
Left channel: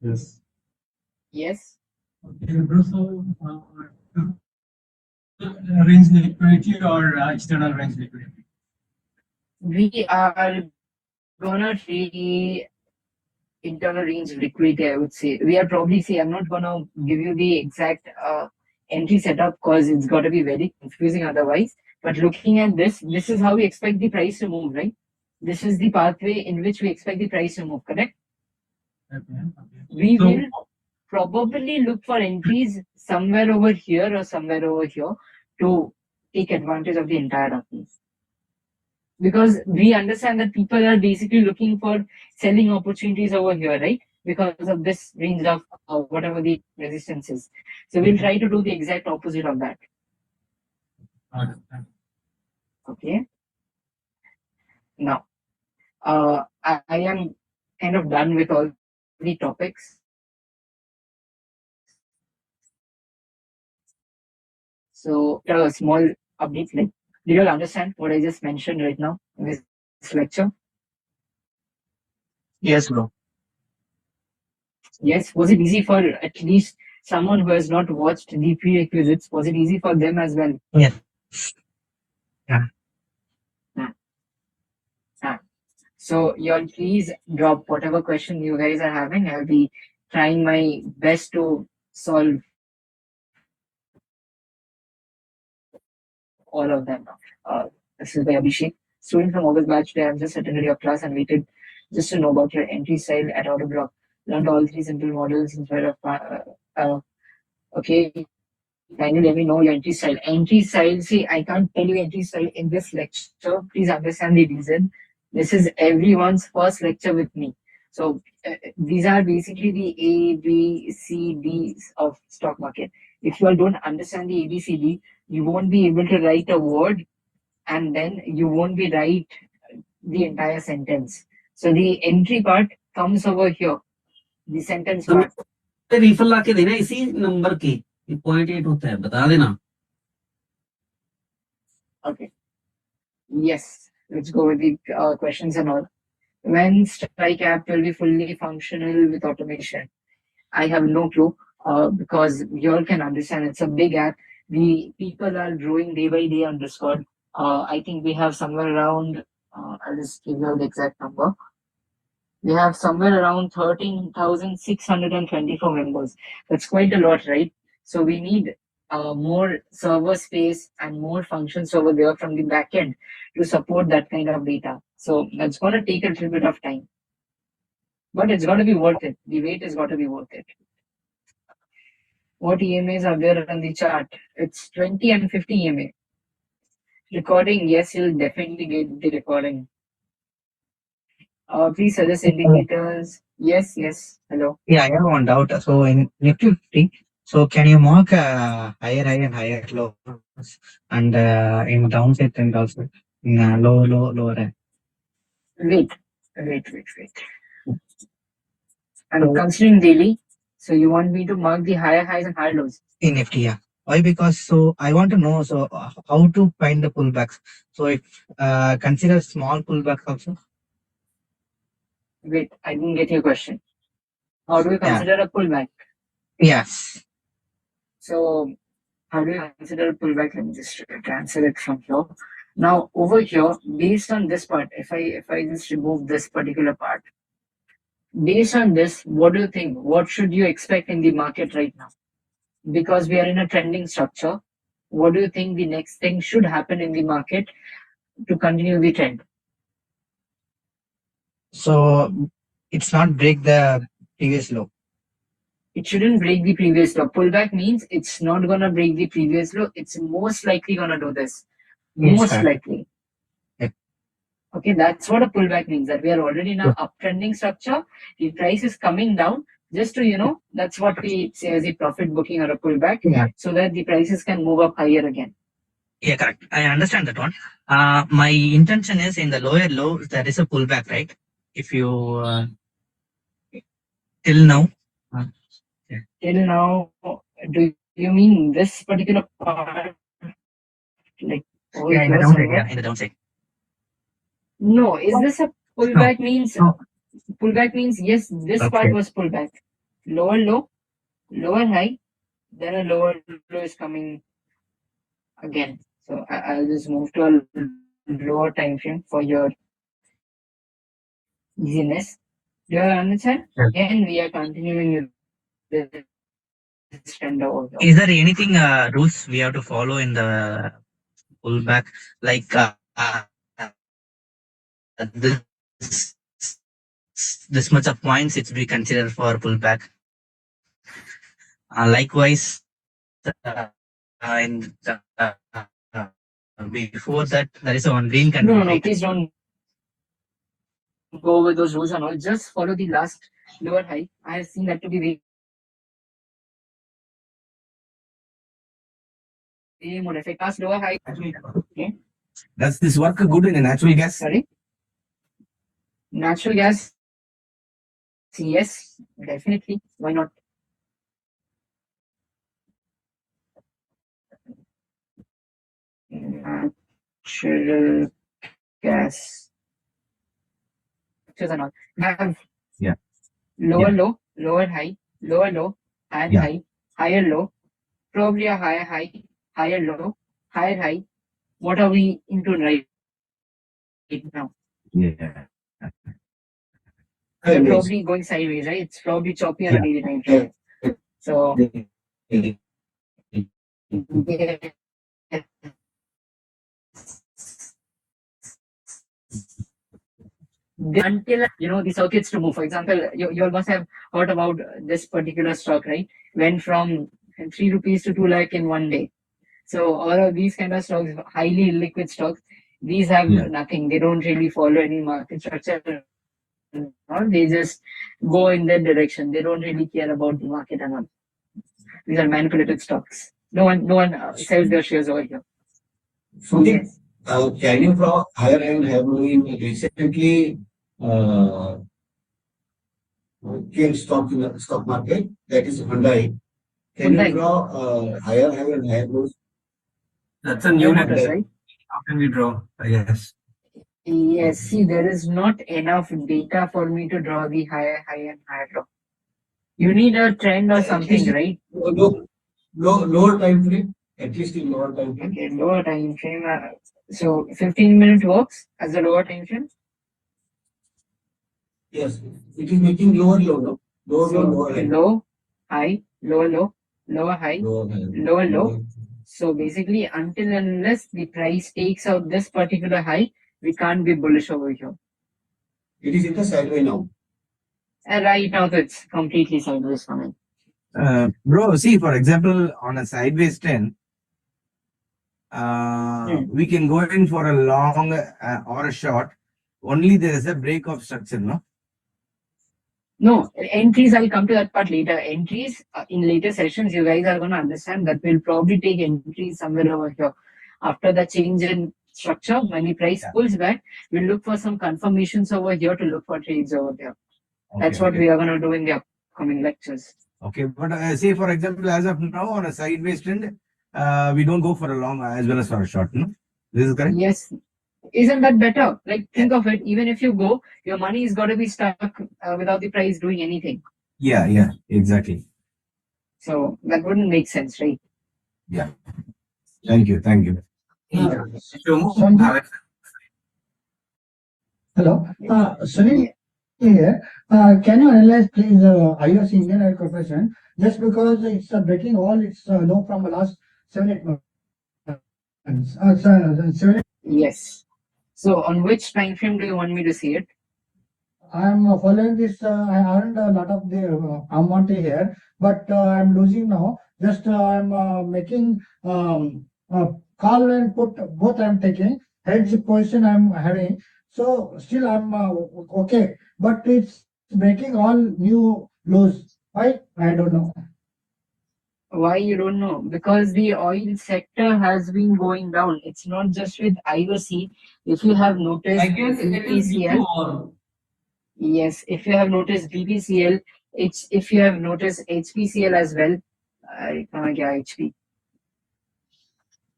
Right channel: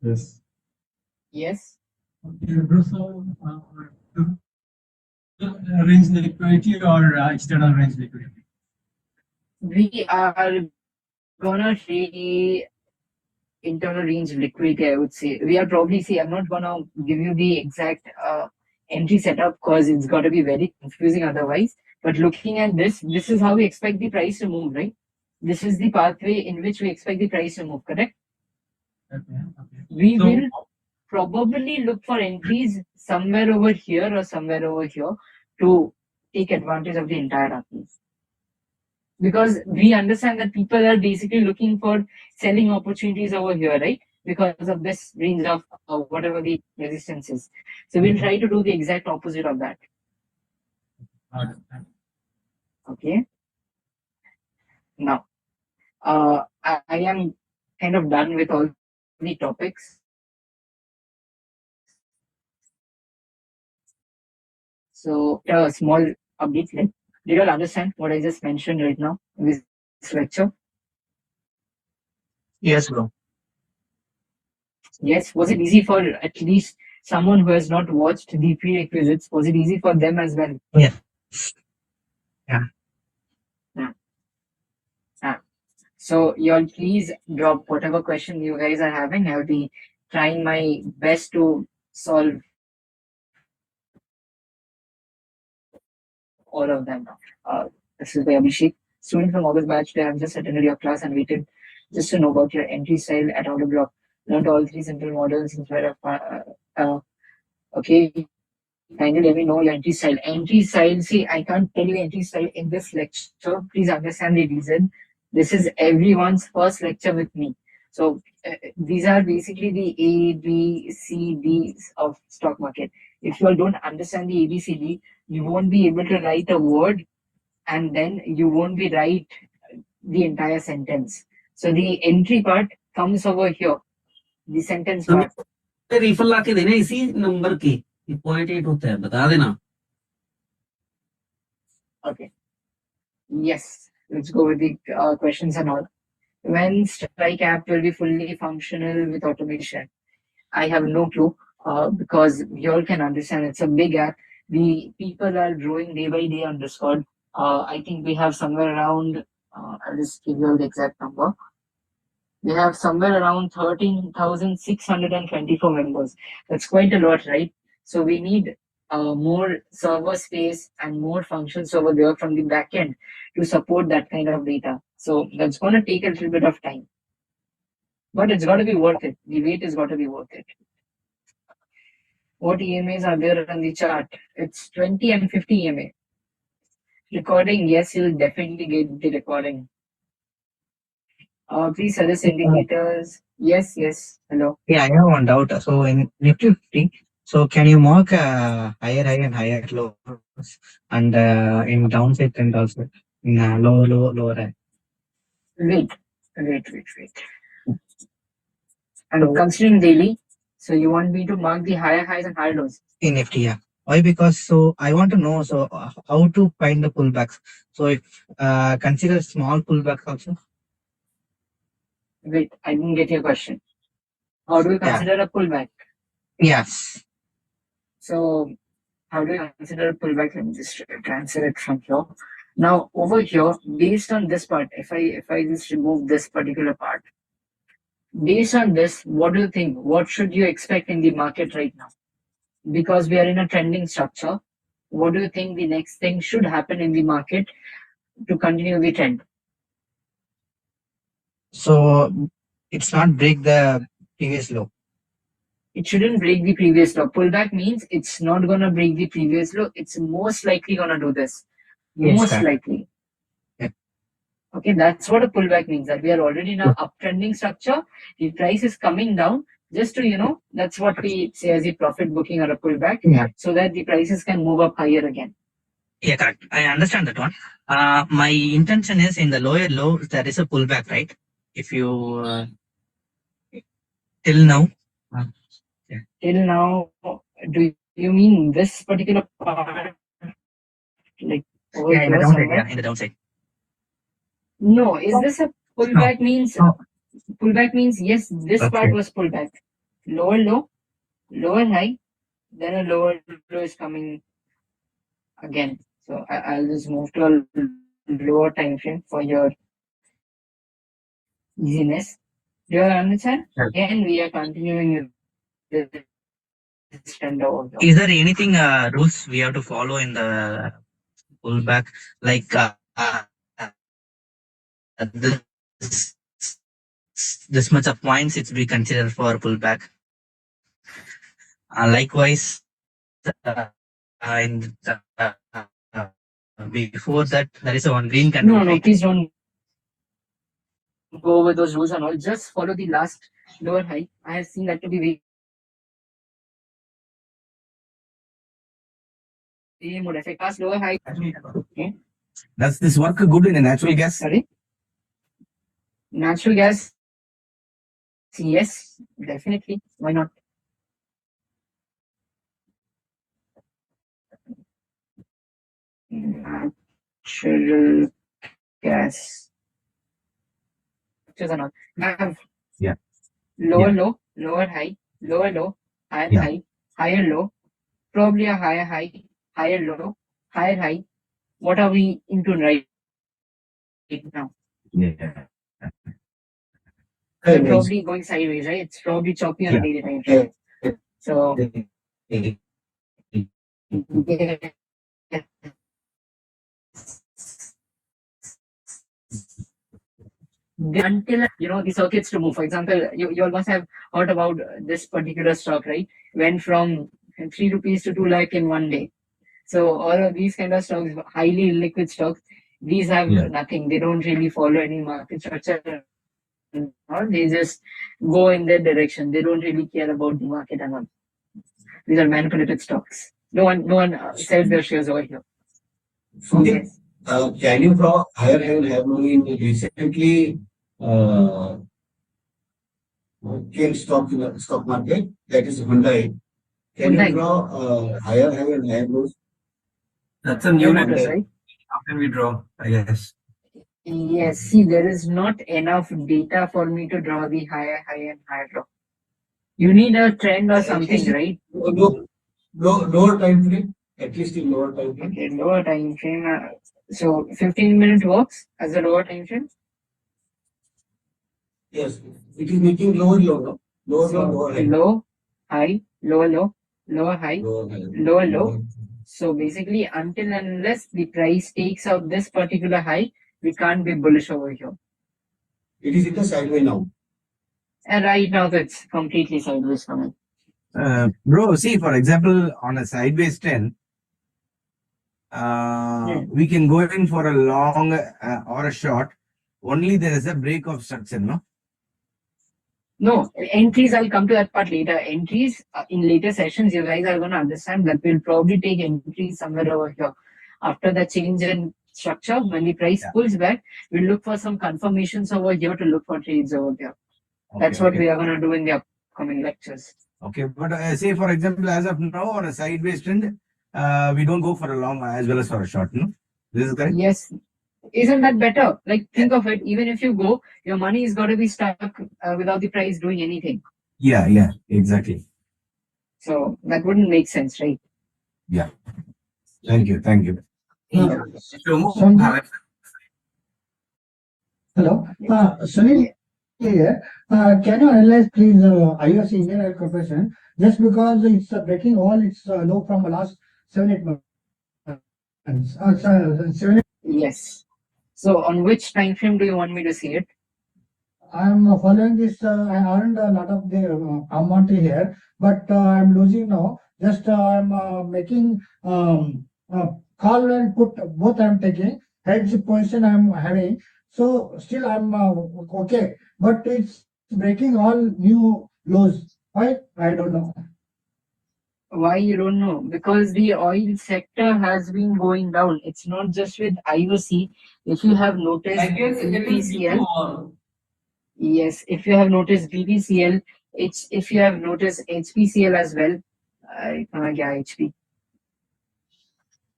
Yes. Yes. Okay, bro, so range liquidity or external range liquidity? We are gonna see internal range liquidity, I would say. We are probably see, I'm not gonna give you the exact entry setup because it's got to be very confusing otherwise. But looking at this is how we expect the price to move, right? This is the pathway in which we expect the price to move, correct? Okay, okay. We So- will probably look for entries somewhere over here or somewhere over here to take advantage of the entire darkness. Because we understand that people are basically looking for selling opportunities over here, right? Because of this range of whatever the resistance is. So we'll try to do the exact opposite of that. Okay. Now, I am kind of done with all the topics. So a small update. Like, do you all understand what I just mentioned right now in this lecture? Yes, bro. Yes. Was it easy for at least someone who has not watched the prerequisites? Was it easy for them as well? Yeah. Yeah. So you all please drop whatever question you guys are having. I'll be trying my best to solve all of them now. This is by Abhishek, student from August batch. Today I've just attended your class and waited just to know about your entry style at auto block. Learned all three simple models instead of okay. Kindly let me know your entry style. Entry style, see, I can't tell you entry style in this lecture. Please understand the reason. This is everyone's first lecture with me. So these are basically the A, B, C, D's of stock market. If you all don't understand the A, B, C, D, you won't be able to write a word and then you won't be write the entire sentence. So the entry part comes over here, the sentence part. रिफल ला के देना इसी number की 0.8 होता है, बता देना. Okay. Yes. Let's go with the questions and all. When Strike app will be fully functional with automation? I have no clue because you all can understand it's a big app. The people are growing day by day on Discord. I think we have somewhere around, I'll just give you the exact number. We have somewhere around 13,624 members. That's quite a lot, right? So we need more server space and more functions over there from the backend to support that kind of data. So that's going to take a little bit of time. But it's got to be worth it. The wait has got to be worth it. What EMAs are there on the chart? It's 20 and 50 EMA. Recording, yes, you'll definitely get the recording. Please suggest indicators. Yes, yes. Hello. Yeah, I have one doubt. So in Nifty 50, so can you mark higher high and higher lows and in downside trend also in lower high? Wait. And considering daily, so you want me to mark the higher highs and higher lows? In Nifty, yeah. Why? Because so I want to know how to find the pullbacks. So if consider small pullbacks also. Wait, I didn't get your question. How do you consider a pullback? Yes. So how do you consider a pullback? Let me just answer it from here. Now over here, based on this part, if I just remove this particular part, based on this, what do you think? What should you expect in the market right now? Because we are in a trending structure, what do you think the next thing should happen in the market to continue the trend? So it's not break the previous low. It shouldn't break the previous low. Pullback means it's not gonna break the previous low. It's most likely gonna do this. Yes, most correct. likely. Yeah. Okay, that's what a pullback means. That we are already in an uptrending structure. The price is coming down. Just to that's what we say as a profit booking or a pullback. Yeah. So that the prices can move up higher again. Yeah, correct. I understand that one. My intention is in the lower low, there is a pullback, right? If you till now. Till now, do you mean this particular part? Like over Yeah, in the here downside. somewhere? Yeah, in the downside. No, is this a pullback? Means pullback means yes, this part was pullback. Lower low, lower high, then a lower low is coming again. So I'll just move to a lower time frame for your easiness. Do you understand? Again, we are continuing with this trend over here. Is there anything rules we have to follow in the pullback? Like this much of points it's be considered for pullback. Likewise, in before that there is a one green candle. No, please don't go with those rules and all. Just follow the last lower high. I have seen that to be very would affect us lower high. Okay. Does this work good in a natural gas? Sorry? Natural gas? Yes, definitely. Why not? Natural gas. Not. Have lower low, lower high, lower low, higher high, higher low, probably a higher high, higher low, higher high. What are we into right now? Yeah. We're probably going sideways, right? It's probably choppy on a daily time frame. So until the circuits to move. For example, you all must have heard about this particular stock, right? Went from 3 rupees to 2 lakh in one day. So all of these kind of stocks, highly liquid stocks, these have nothing. They don't really follow any market structure. They just go in that direction. They don't really care about the market at all. These are manipulated stocks. No one sells their shares over here. Okay. Changing from higher higher recently key stock market, that is Hyundai. Can you Hyundai. draw higher high and higher lows? That's a new Motors, line. right? How can we draw? Yes. Yes, see, there is not enough data for me to draw the higher high and higher low. You need a trend or At something, least right? lower time frame, at least in lower time frame. Okay, lower time frame. So 15-minute works as a lower time frame. Yes, it is making lower low, no? Lower So low, lower high. low, high, lower low, lower high, Lower high. lower low. So basically, until and unless the price takes out this particular high, we can't be bullish over here. It is in the sideways now. And right now, it's completely sideways for me. Bro, see, for example, on a sideways trend, we can go in for a long or a short. Only there is a break of structure, no? No, entries, I'll come to that part later. Entries in later sessions, you guys are going to understand that we'll probably take entries somewhere over here. After the change in structure, when the price pulls back, we'll look for some confirmations over here to look for trades over there. That's what we are going to do in the upcoming lectures. Okay, but say, for example, as of now, on a sideways trend, we don't go for a long as well as for a short, no? This is correct? Yes. Isn't that better? Like, think of it, even if you go, your money is got to be stuck without the price doing anything. Yeah, exactly. So that wouldn't make sense, right? Yeah. Thank you. Hello, Sunil here. Can you analyze, please, IOC Indian Oil Corporation, just because it's breaking all its low from the last 7-8 months? Yes. So on which time frame do you want me to see it? I'm following this. I earned a lot of the amount here, but I'm losing now. Just I'm making call and put both. I'm taking hedge position. I'm having, so still I'm okay, but it's making all new lows. Why? I don't know. Why you don't know? Because the oil sector has been going down. It's not just with IOC. If you have noticed, I guess it is due to BPCL. war. Yes, if you have noticed BPCL, if you have noticed HPCL as well. HP.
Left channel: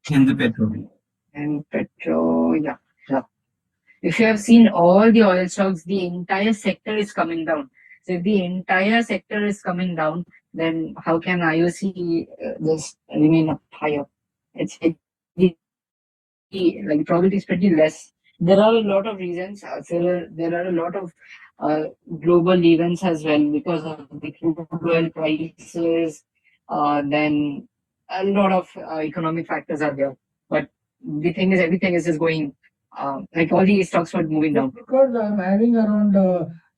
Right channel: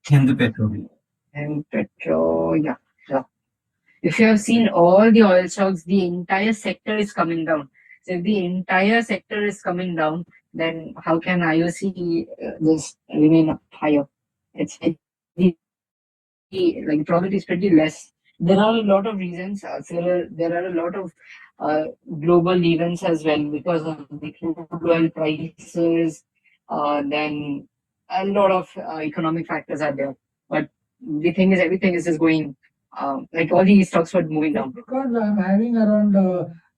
In the petrol. And petro, yeah. If you have seen all the oil stocks, the entire sector is coming down. So if the entire sector is coming down, then how can IOC just remain up higher? It's like probability is pretty less. There are a lot of reasons. There are a lot of global events as well because of the crude oil prices. Then a lot of economic factors are there. But the thing is, everything is just going like all these stocks were moving down. Because I'm having around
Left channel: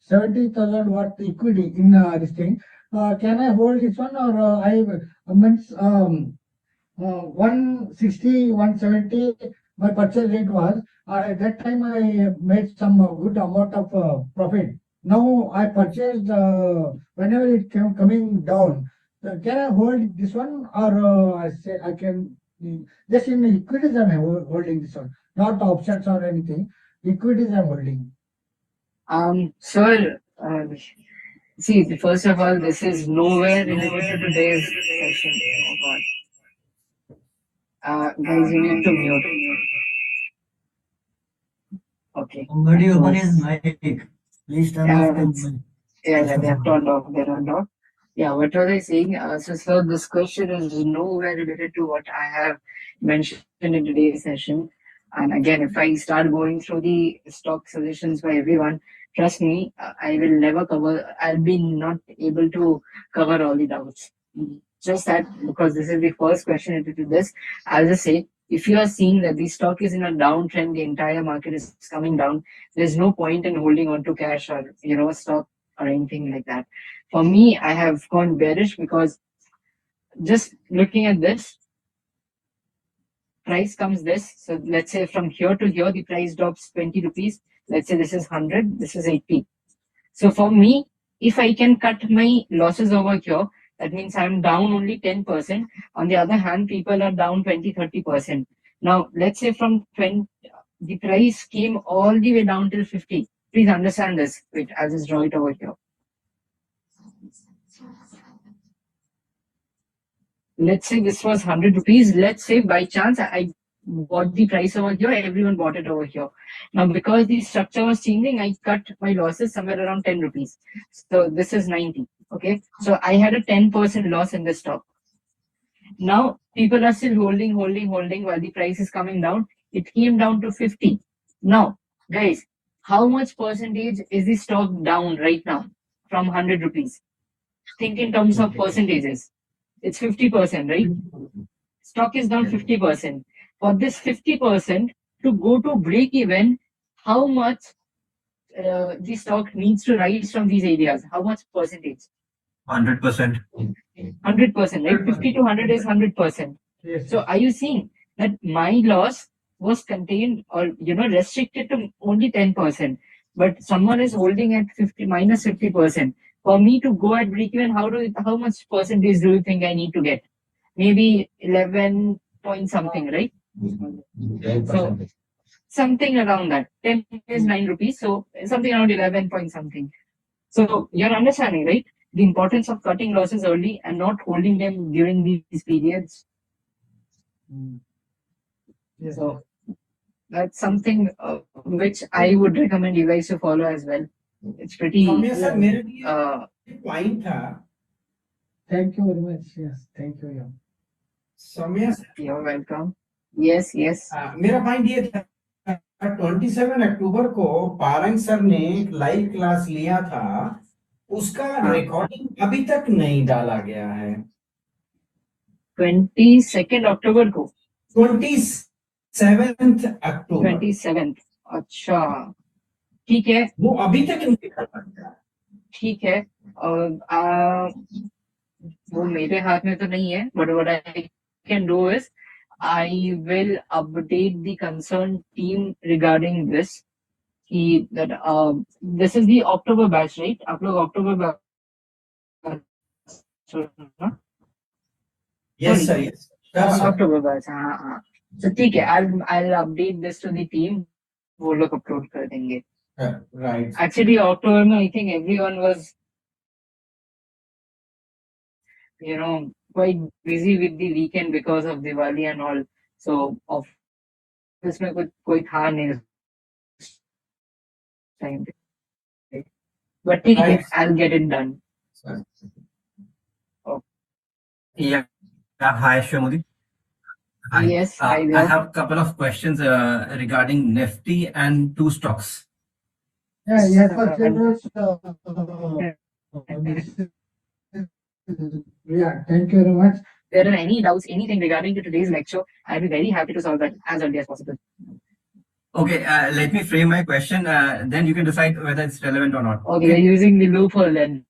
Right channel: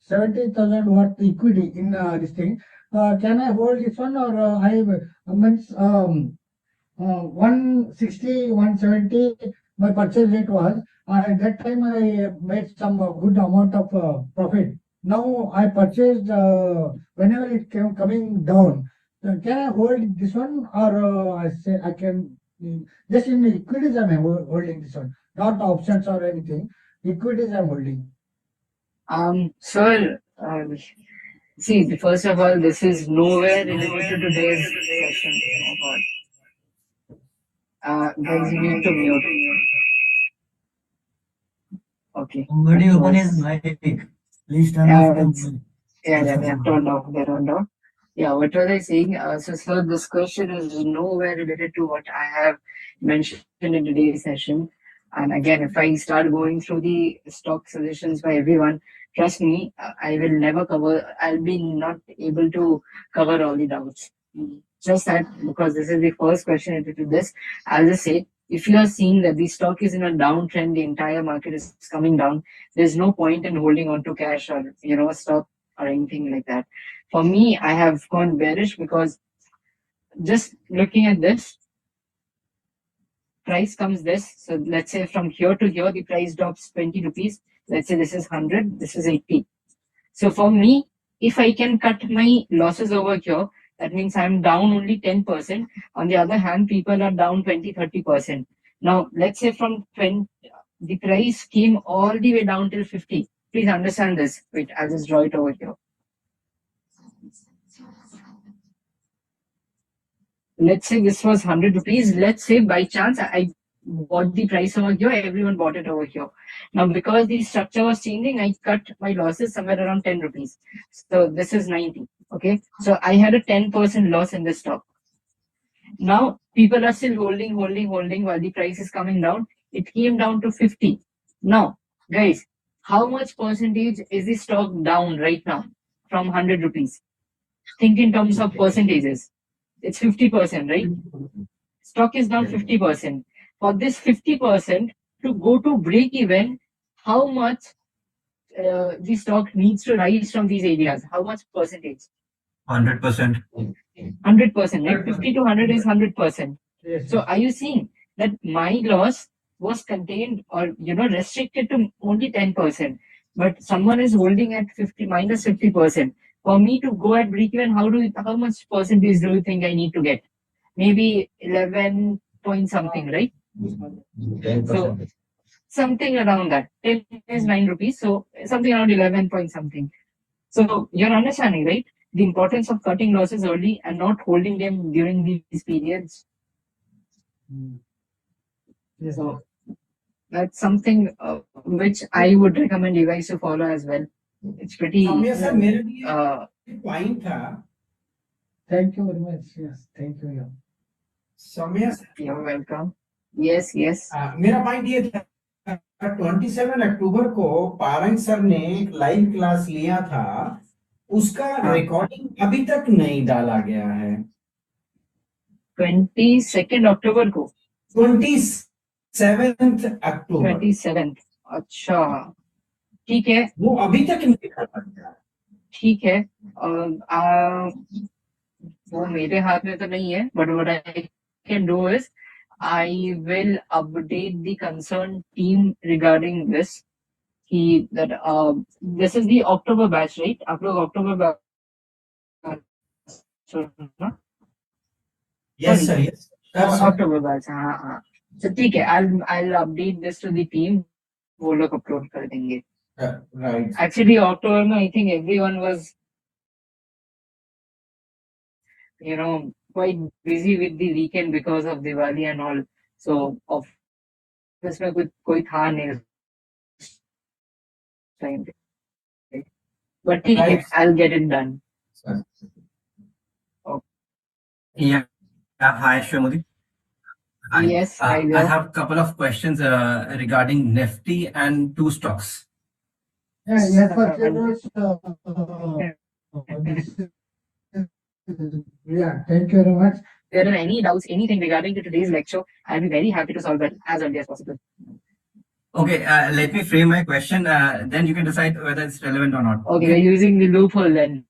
70,000 worth equity in this thing. Can I hold this one, or I means 160, 170? My purchase rate was. At that time I made some good amount of profit. Now I purchased whenever it came coming down. Can I hold this one, or I say I can just in the equities I'm holding this one, not options or anything. Equities I'm holding. Sir, see, first of all, this is nowhere related to today's session. Oh God. Guys, you need to mute. Okay. Somebody open his mic. Please turn off the mic. Yeah, they have turned off. They turned off. Yeah, what was I saying? So, sir, this question is nowhere related to what I have mentioned in today's session. And again, if I start going through the stock suggestions by everyone, trust me, I will never cover. I'll be not able to cover all the doubts. Just that because this is the first question related to this, I'll just say if you are seeing that the stock is in a downtrend, the entire market is coming down, there's no point in holding on to cash or stock or anything like that. For me, I have gone bearish because just looking at this, price comes this. So let's say from here to here, the price drops 20 rupees. Let's say this is 100, this is 80. So for me, if I can cut my losses over here, that means I'm down only 10%. On the other hand, people are down 20-30%. Now, let's say from 20, the price came all the way down till 50. Please understand this. Wait, I'll just draw it over here. let's say this was 100 rupees. Let's say by chance I bought the price over here, everyone bought it over here. Now, because the structure was changing, I cut my losses somewhere around 10 rupees. So this is 90. Okay. So I had a 10% loss in this stock. Now people are still holding while the price is coming down. It came down to 50. Now, guys, how much percentage is the stock down right now from 100 rupees? Think in terms of percentages. It's 50%, right? Stock is down 50%. For this 50% to go to break even, how much the stock needs to rise from these areas? How much percentage? 100%. 100%, right? 50 to 100 is 100%. Yes. So are you seeing that my loss was contained or restricted to only 10%, but someone is holding at 50 minus 50%? For me to go at break even, how much percentage do you think I need to get? Maybe 11 point something, right? So something around that. 10 is 9 rupees, so something around 11 point something. So you're understanding, right? The importance of cutting losses early and not holding them during these periods. Yes. So that's something which I would recommend you guys to follow as well. It's pretty. Sir मेरे लिए point था. Thank you very much. Yes, thank you. Yeah. समय You're welcome. Yes, yes. मेरा point ये था 27 अक्टूबर को पारंग sir ने एक लाइव क्लास लिया था, उसका रिकॉर्डिंग अभी तक नहीं डाला गया है. 22 अक्टूबर को 27 अक्टूबर 27. अच्छा, ठीक है. वो अभी तक नहीं डाला गया. ठीक है. वो मेरे हाथ में तो नहीं है, but what I can do is I will update the concerned team regarding this. That this is the October batch, right? आप लोग October batch, Yes sir, yes. October batch, हाँ. So ठीक है, I'll update this to the team. वो लोग upload कर देंगे. Right. Actually, October में I think everyone was quite busy with the weekend because of Diwali and all. So office में कोई था नहीं time. But ठीक है, I'll get it done. Yeah. Hi, Shomodi. Hi. Yes, I have a couple of questions regarding Nifty and two stocks. Yeah, yeah, thank you very much. If there are any doubts, anything regarding to today's lecture, I'll be very happy to solve it as early as possible. Okay, let me frame my question. Then you can decide whether it's relevant or not. Okay, we're using the loophole then.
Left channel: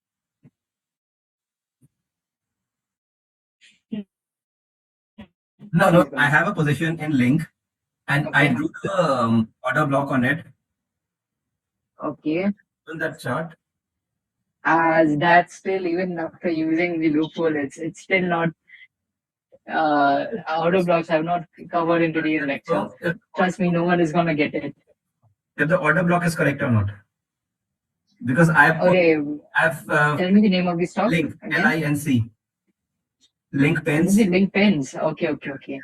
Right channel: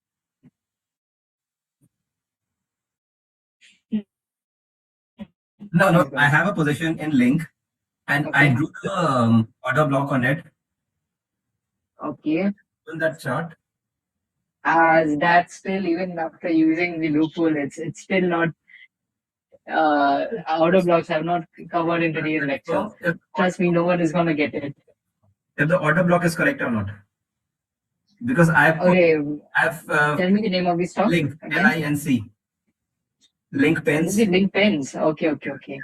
No, I have a position in Link, and I drew the order block on it. Okay. On that chart. As that's still, even after using the loophole, it's still not. Order blocks have not covered in today's lecture. Trust me, no one is gonna get it. If the order block is correct or not. Because I've tell me the name of the stock. Link, LINC. Link pens. Link pens. Okay.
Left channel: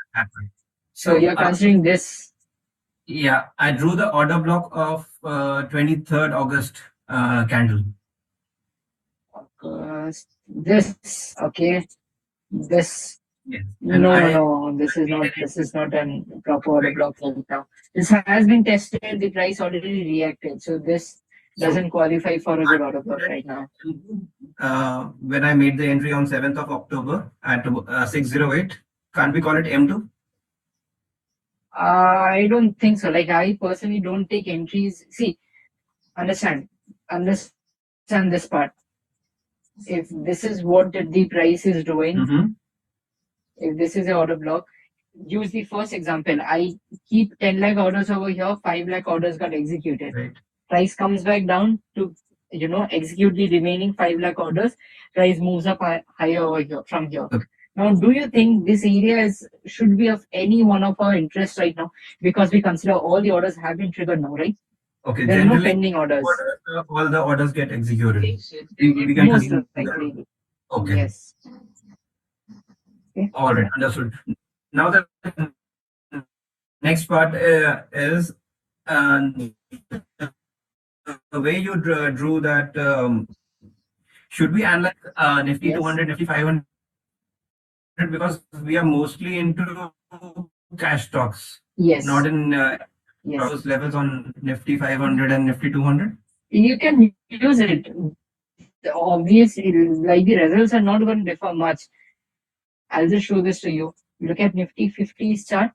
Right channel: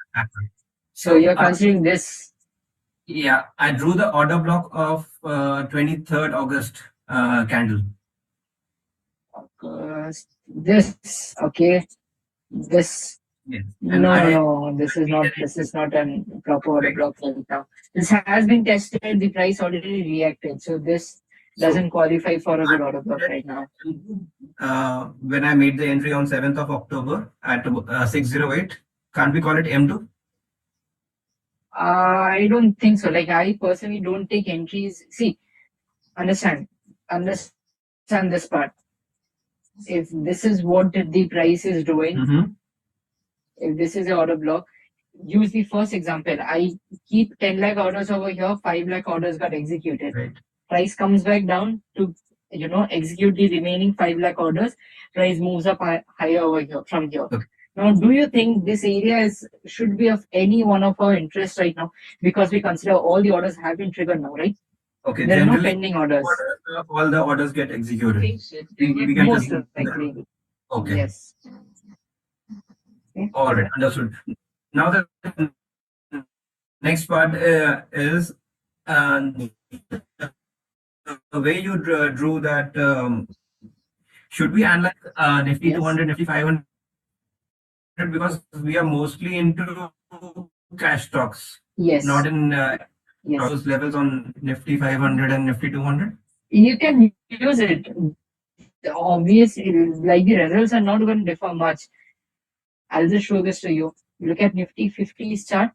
So you're considering this. Yeah, I drew the order block of 23rd August candle. This, okay. This. Yes. No, this is not a proper order block right now. This has been tested, the price already reacted. So this doesn't qualify for a good order block right now. When I made the entry on 7th of October at 608, can't we call it M2? I don't think so. Like, I personally don't take entries. See, understand this part. If this is what the price is doing, if this is the order block, use the first example. I keep 10 lakh orders over here, 5 lakh orders got executed. Right. Price comes back down to, execute the remaining 5 lakh orders. Price moves up higher over here from here. Okay. Now, do you think this area should be of any one of our interest right now? Because we consider all the orders have been triggered now, right? Okay. There are no pending orders. All the orders get executed. We can Most likely. Okay. Yes. Okay. All right, understood. Now the next part is the way you drew that. Should we analyze Nifty 200, Nifty 500 because we are mostly into cash stocks, Yes. not in Yes. those levels on Nifty 500 and Nifty 200? You can use it. Obviously, like the results are not going to differ much. I'll just show this to you. Look at Nifty 50 chart.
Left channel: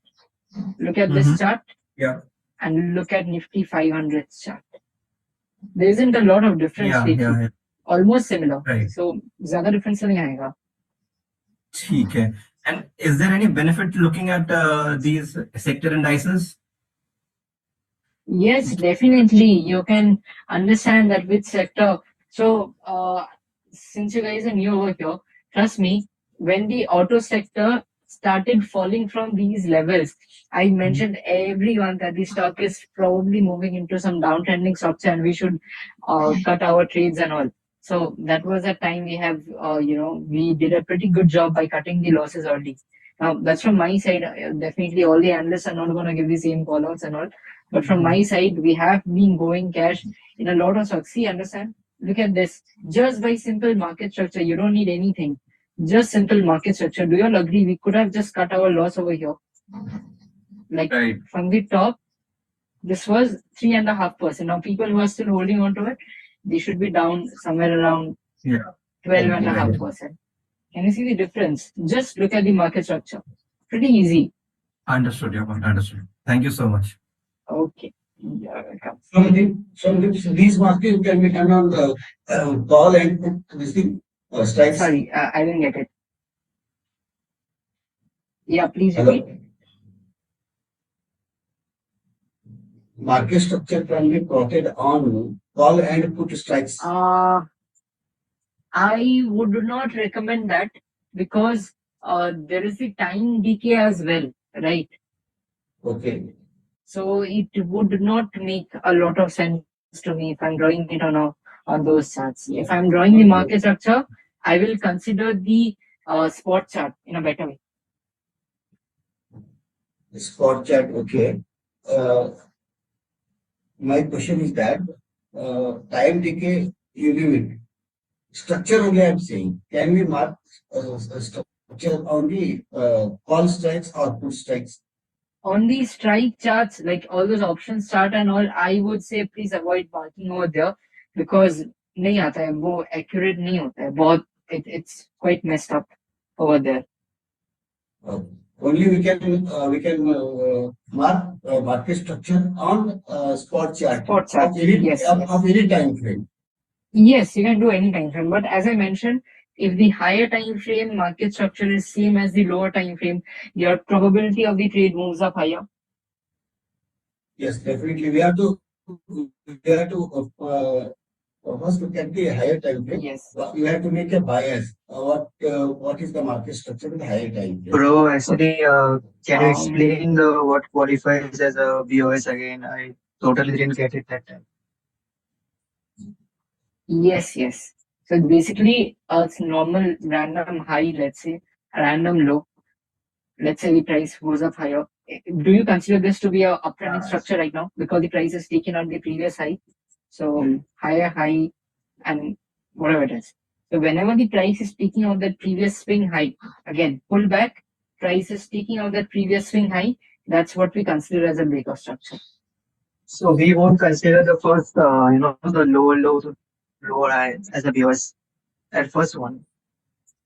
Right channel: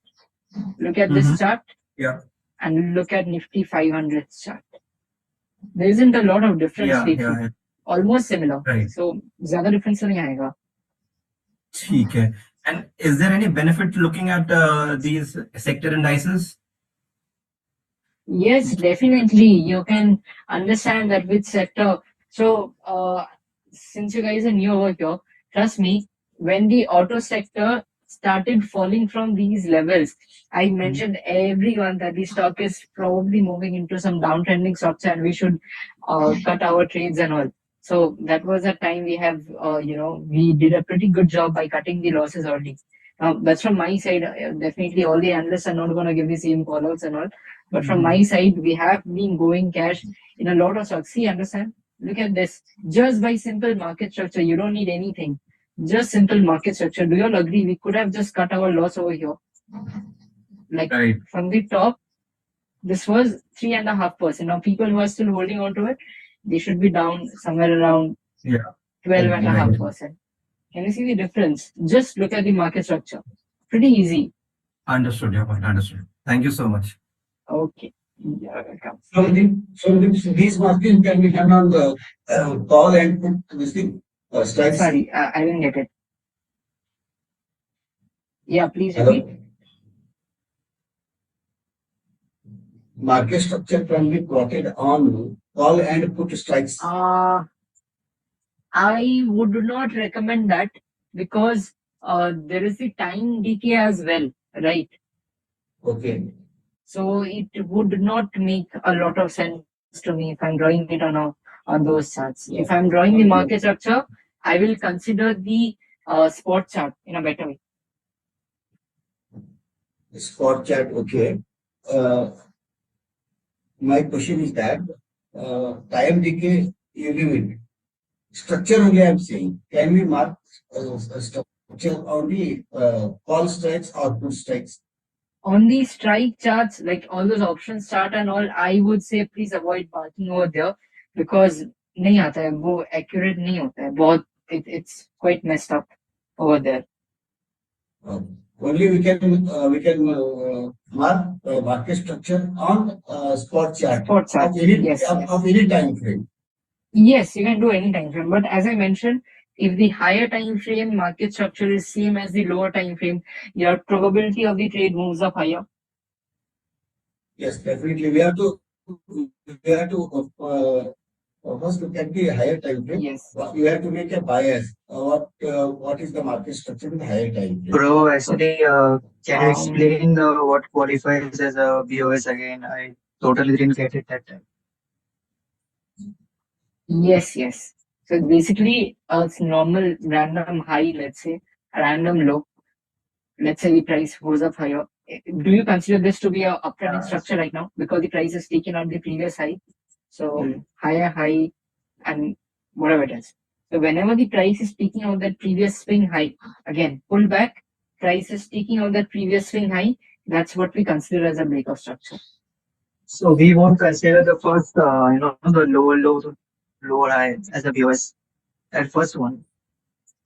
Look at this chart. Yeah. And look at Nifty 500 chart. There isn't a lot of difference. Yeah. Almost similar. Right. So, ज़्यादा difference नहीं आएगा. ठीक है. And is there any benefit looking at these sector indices? Yes, definitely. You can understand that which sector. So, since you guys are new over here, trust me, when the auto sector started falling from these levels, I mentioned everyone that the stock is probably moving into some downtrending structure and we should cut our trades and all. So that was a time we have, we did a pretty good job by cutting the losses early. Now, that's from my side. Definitely, all the analysts are not going to give the same callouts and all. But from my side, we have been going cash in a lot of stocks. See, understand? Look at this. Just by simple market structure, you don't need anything. Just simple market structure. Do you all agree? We could have just cut our loss over here. Like from the top, this was 3.5%. Now, people who are still holding on to it, they should be down somewhere around 12.5%. Can you see the difference? Just look at the market structure. Pretty easy. Understood, your point. Understood. Thank you so much. Okay. So these markings can be done on the call and put this thing strikes. Sorry, I didn't get it. Yeah, please repeat. Market structure can be plotted on call and put strikes. I would not recommend that because there is the time decay as well, right? Okay. So it would not make a lot of sense to me if I'm drawing it on those charts. If I'm drawing the market structure, I will consider the spot chart in a better way. Spot chart, okay. My question is that time decay, you leave it. Structure only I'm saying. Can we mark structure on the call strikes or put strikes? On the strike charts, like all those options chart and all, I would say please avoid marking over there because नहीं आता है, वो accurate नहीं होता है, बहुत it's quite messed up over there. Only we can mark market structure on spot chart. Spot chart. Of any, Yes, of any time frame. Yes, you can do any time frame, but as I mentioned, if the higher time frame market structure is same as the lower time frame, your probability of the trade moves up higher. Yes, definitely. We have to first look at the higher time frame. Yes. You have to make a bias. What is the market structure in the higher time frame? Bro, actually, can you explain what qualifies as a BOS again? I totally didn't get it that time. Yes. So basically, it's normal random high, let's say, random low. Let's say the price goes up higher. Do you consider this to be a uptrending structure right now because the price is taken on the previous high? So higher high and whatever it is. So whenever the price is taking out that previous swing high, again pull back, price is taking out that previous swing high. That's what we consider as a breakout structure. So we won't consider the first, the lower low to lower high as a BOS. That first one.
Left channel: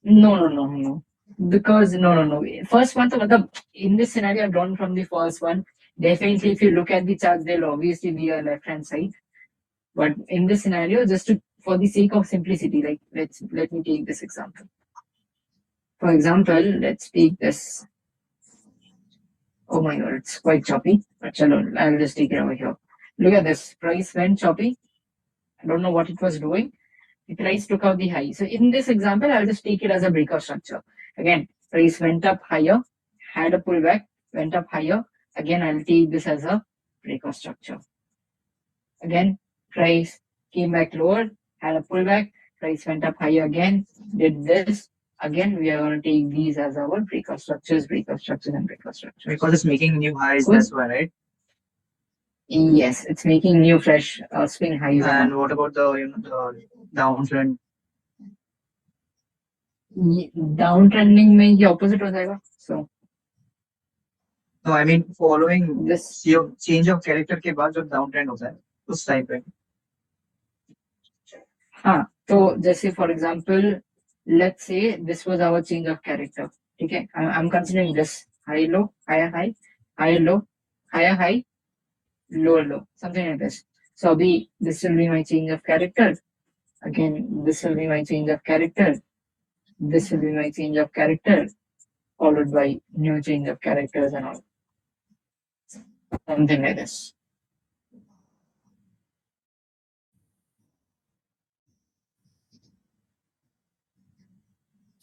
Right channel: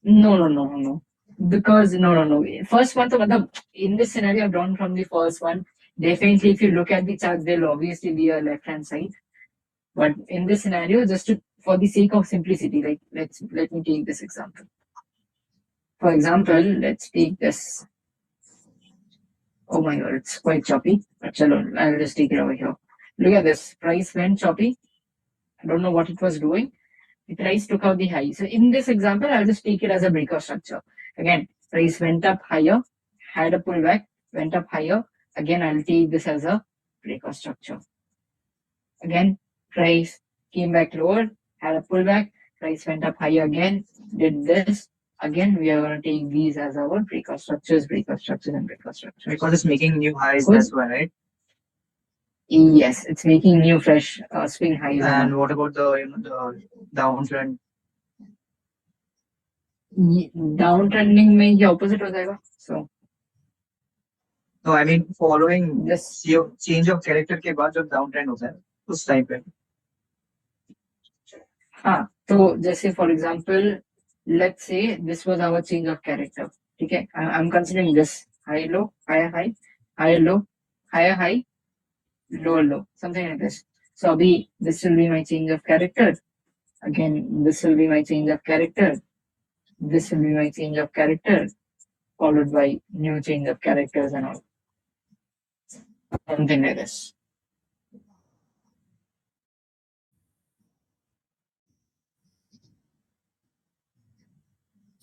No. Because no. First one, so in this scenario, I've drawn from the first one. Definitely, if you look at the charts, they'll obviously be a left-hand side. But in this scenario, for the sake of simplicity, like let me take this example. For example, let's take this. Oh my god, it's quite choppy. But I'll just take it over here. Look at this. Price went choppy. I don't know what it was doing. The price took out the high. So in this example, I'll just take it as a breakout structure. Again, price went up higher, had a pullback, went up higher. Again, I'll take this as a breakout structure. Again, price came back lower, had a pullback, price went up higher again, did this. again we are going to take these as our breakout structures, and breakout structures. Because it's making new highs, Good. that's why, right? Yes, it's making new fresh swing highs. And what about the the downtrend? Downtrending में ये opposite हो जाएगा. So No, I mean following this change of character के बाद जब downtrend होता है उस टाइम पे. हाँ, तो जैसे for example, let's say this was our change of character. Okay, I'm considering this high low, higher high, higher low, higher high, lower low, something like this. So this will be my change of character. Again, this will be my change of character. This will be my change of character, followed by new change of characters and all. Something like this.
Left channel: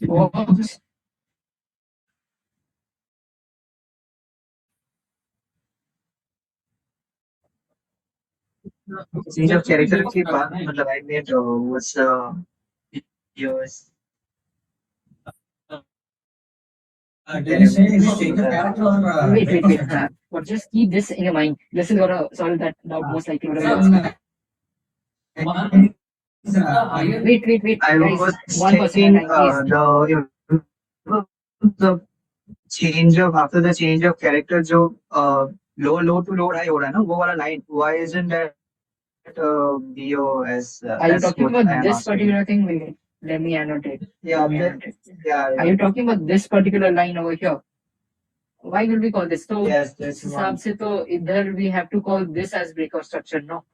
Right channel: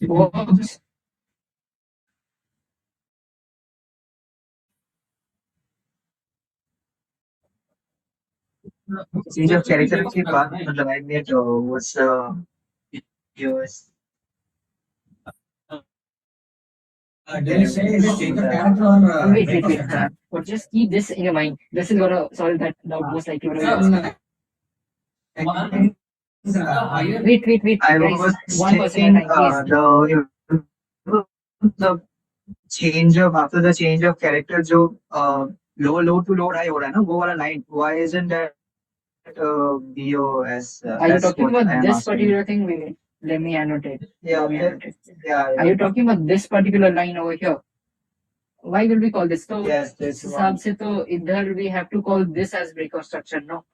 Works. Change of character के बाद मतलब I made was yours. Wait. But just keep this in your mind. This is gonna solve that doubt most likely. Wait. I was checking the change of after the change of character जो low to low high हो रहा है ना वो वाला line. Why isn't that BOS? Are you talking about this particular thing? Wait, let me annotate. Yeah. Are you talking about this particular line over here? Why will we call this? So yes, this हिसाब से तो इधर we have to call this as breakout structure, no?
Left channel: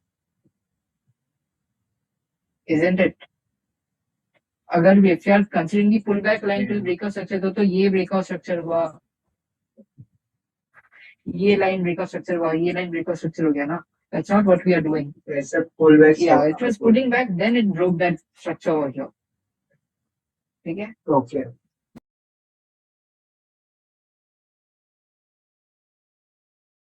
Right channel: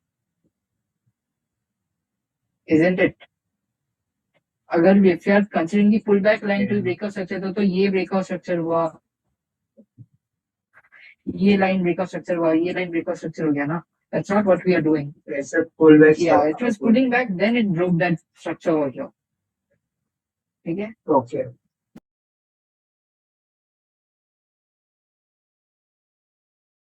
Isn't it? अगर we if you are considering the pullback line to breakout structure तो ये breakout structure हुआ, ये line breakout structure हुआ, ये line breakout structure हो गया ना? That's not what we are doing. It's a pullback. Yeah, it was pulling back, then it broke that structure over here. Okay. Okay.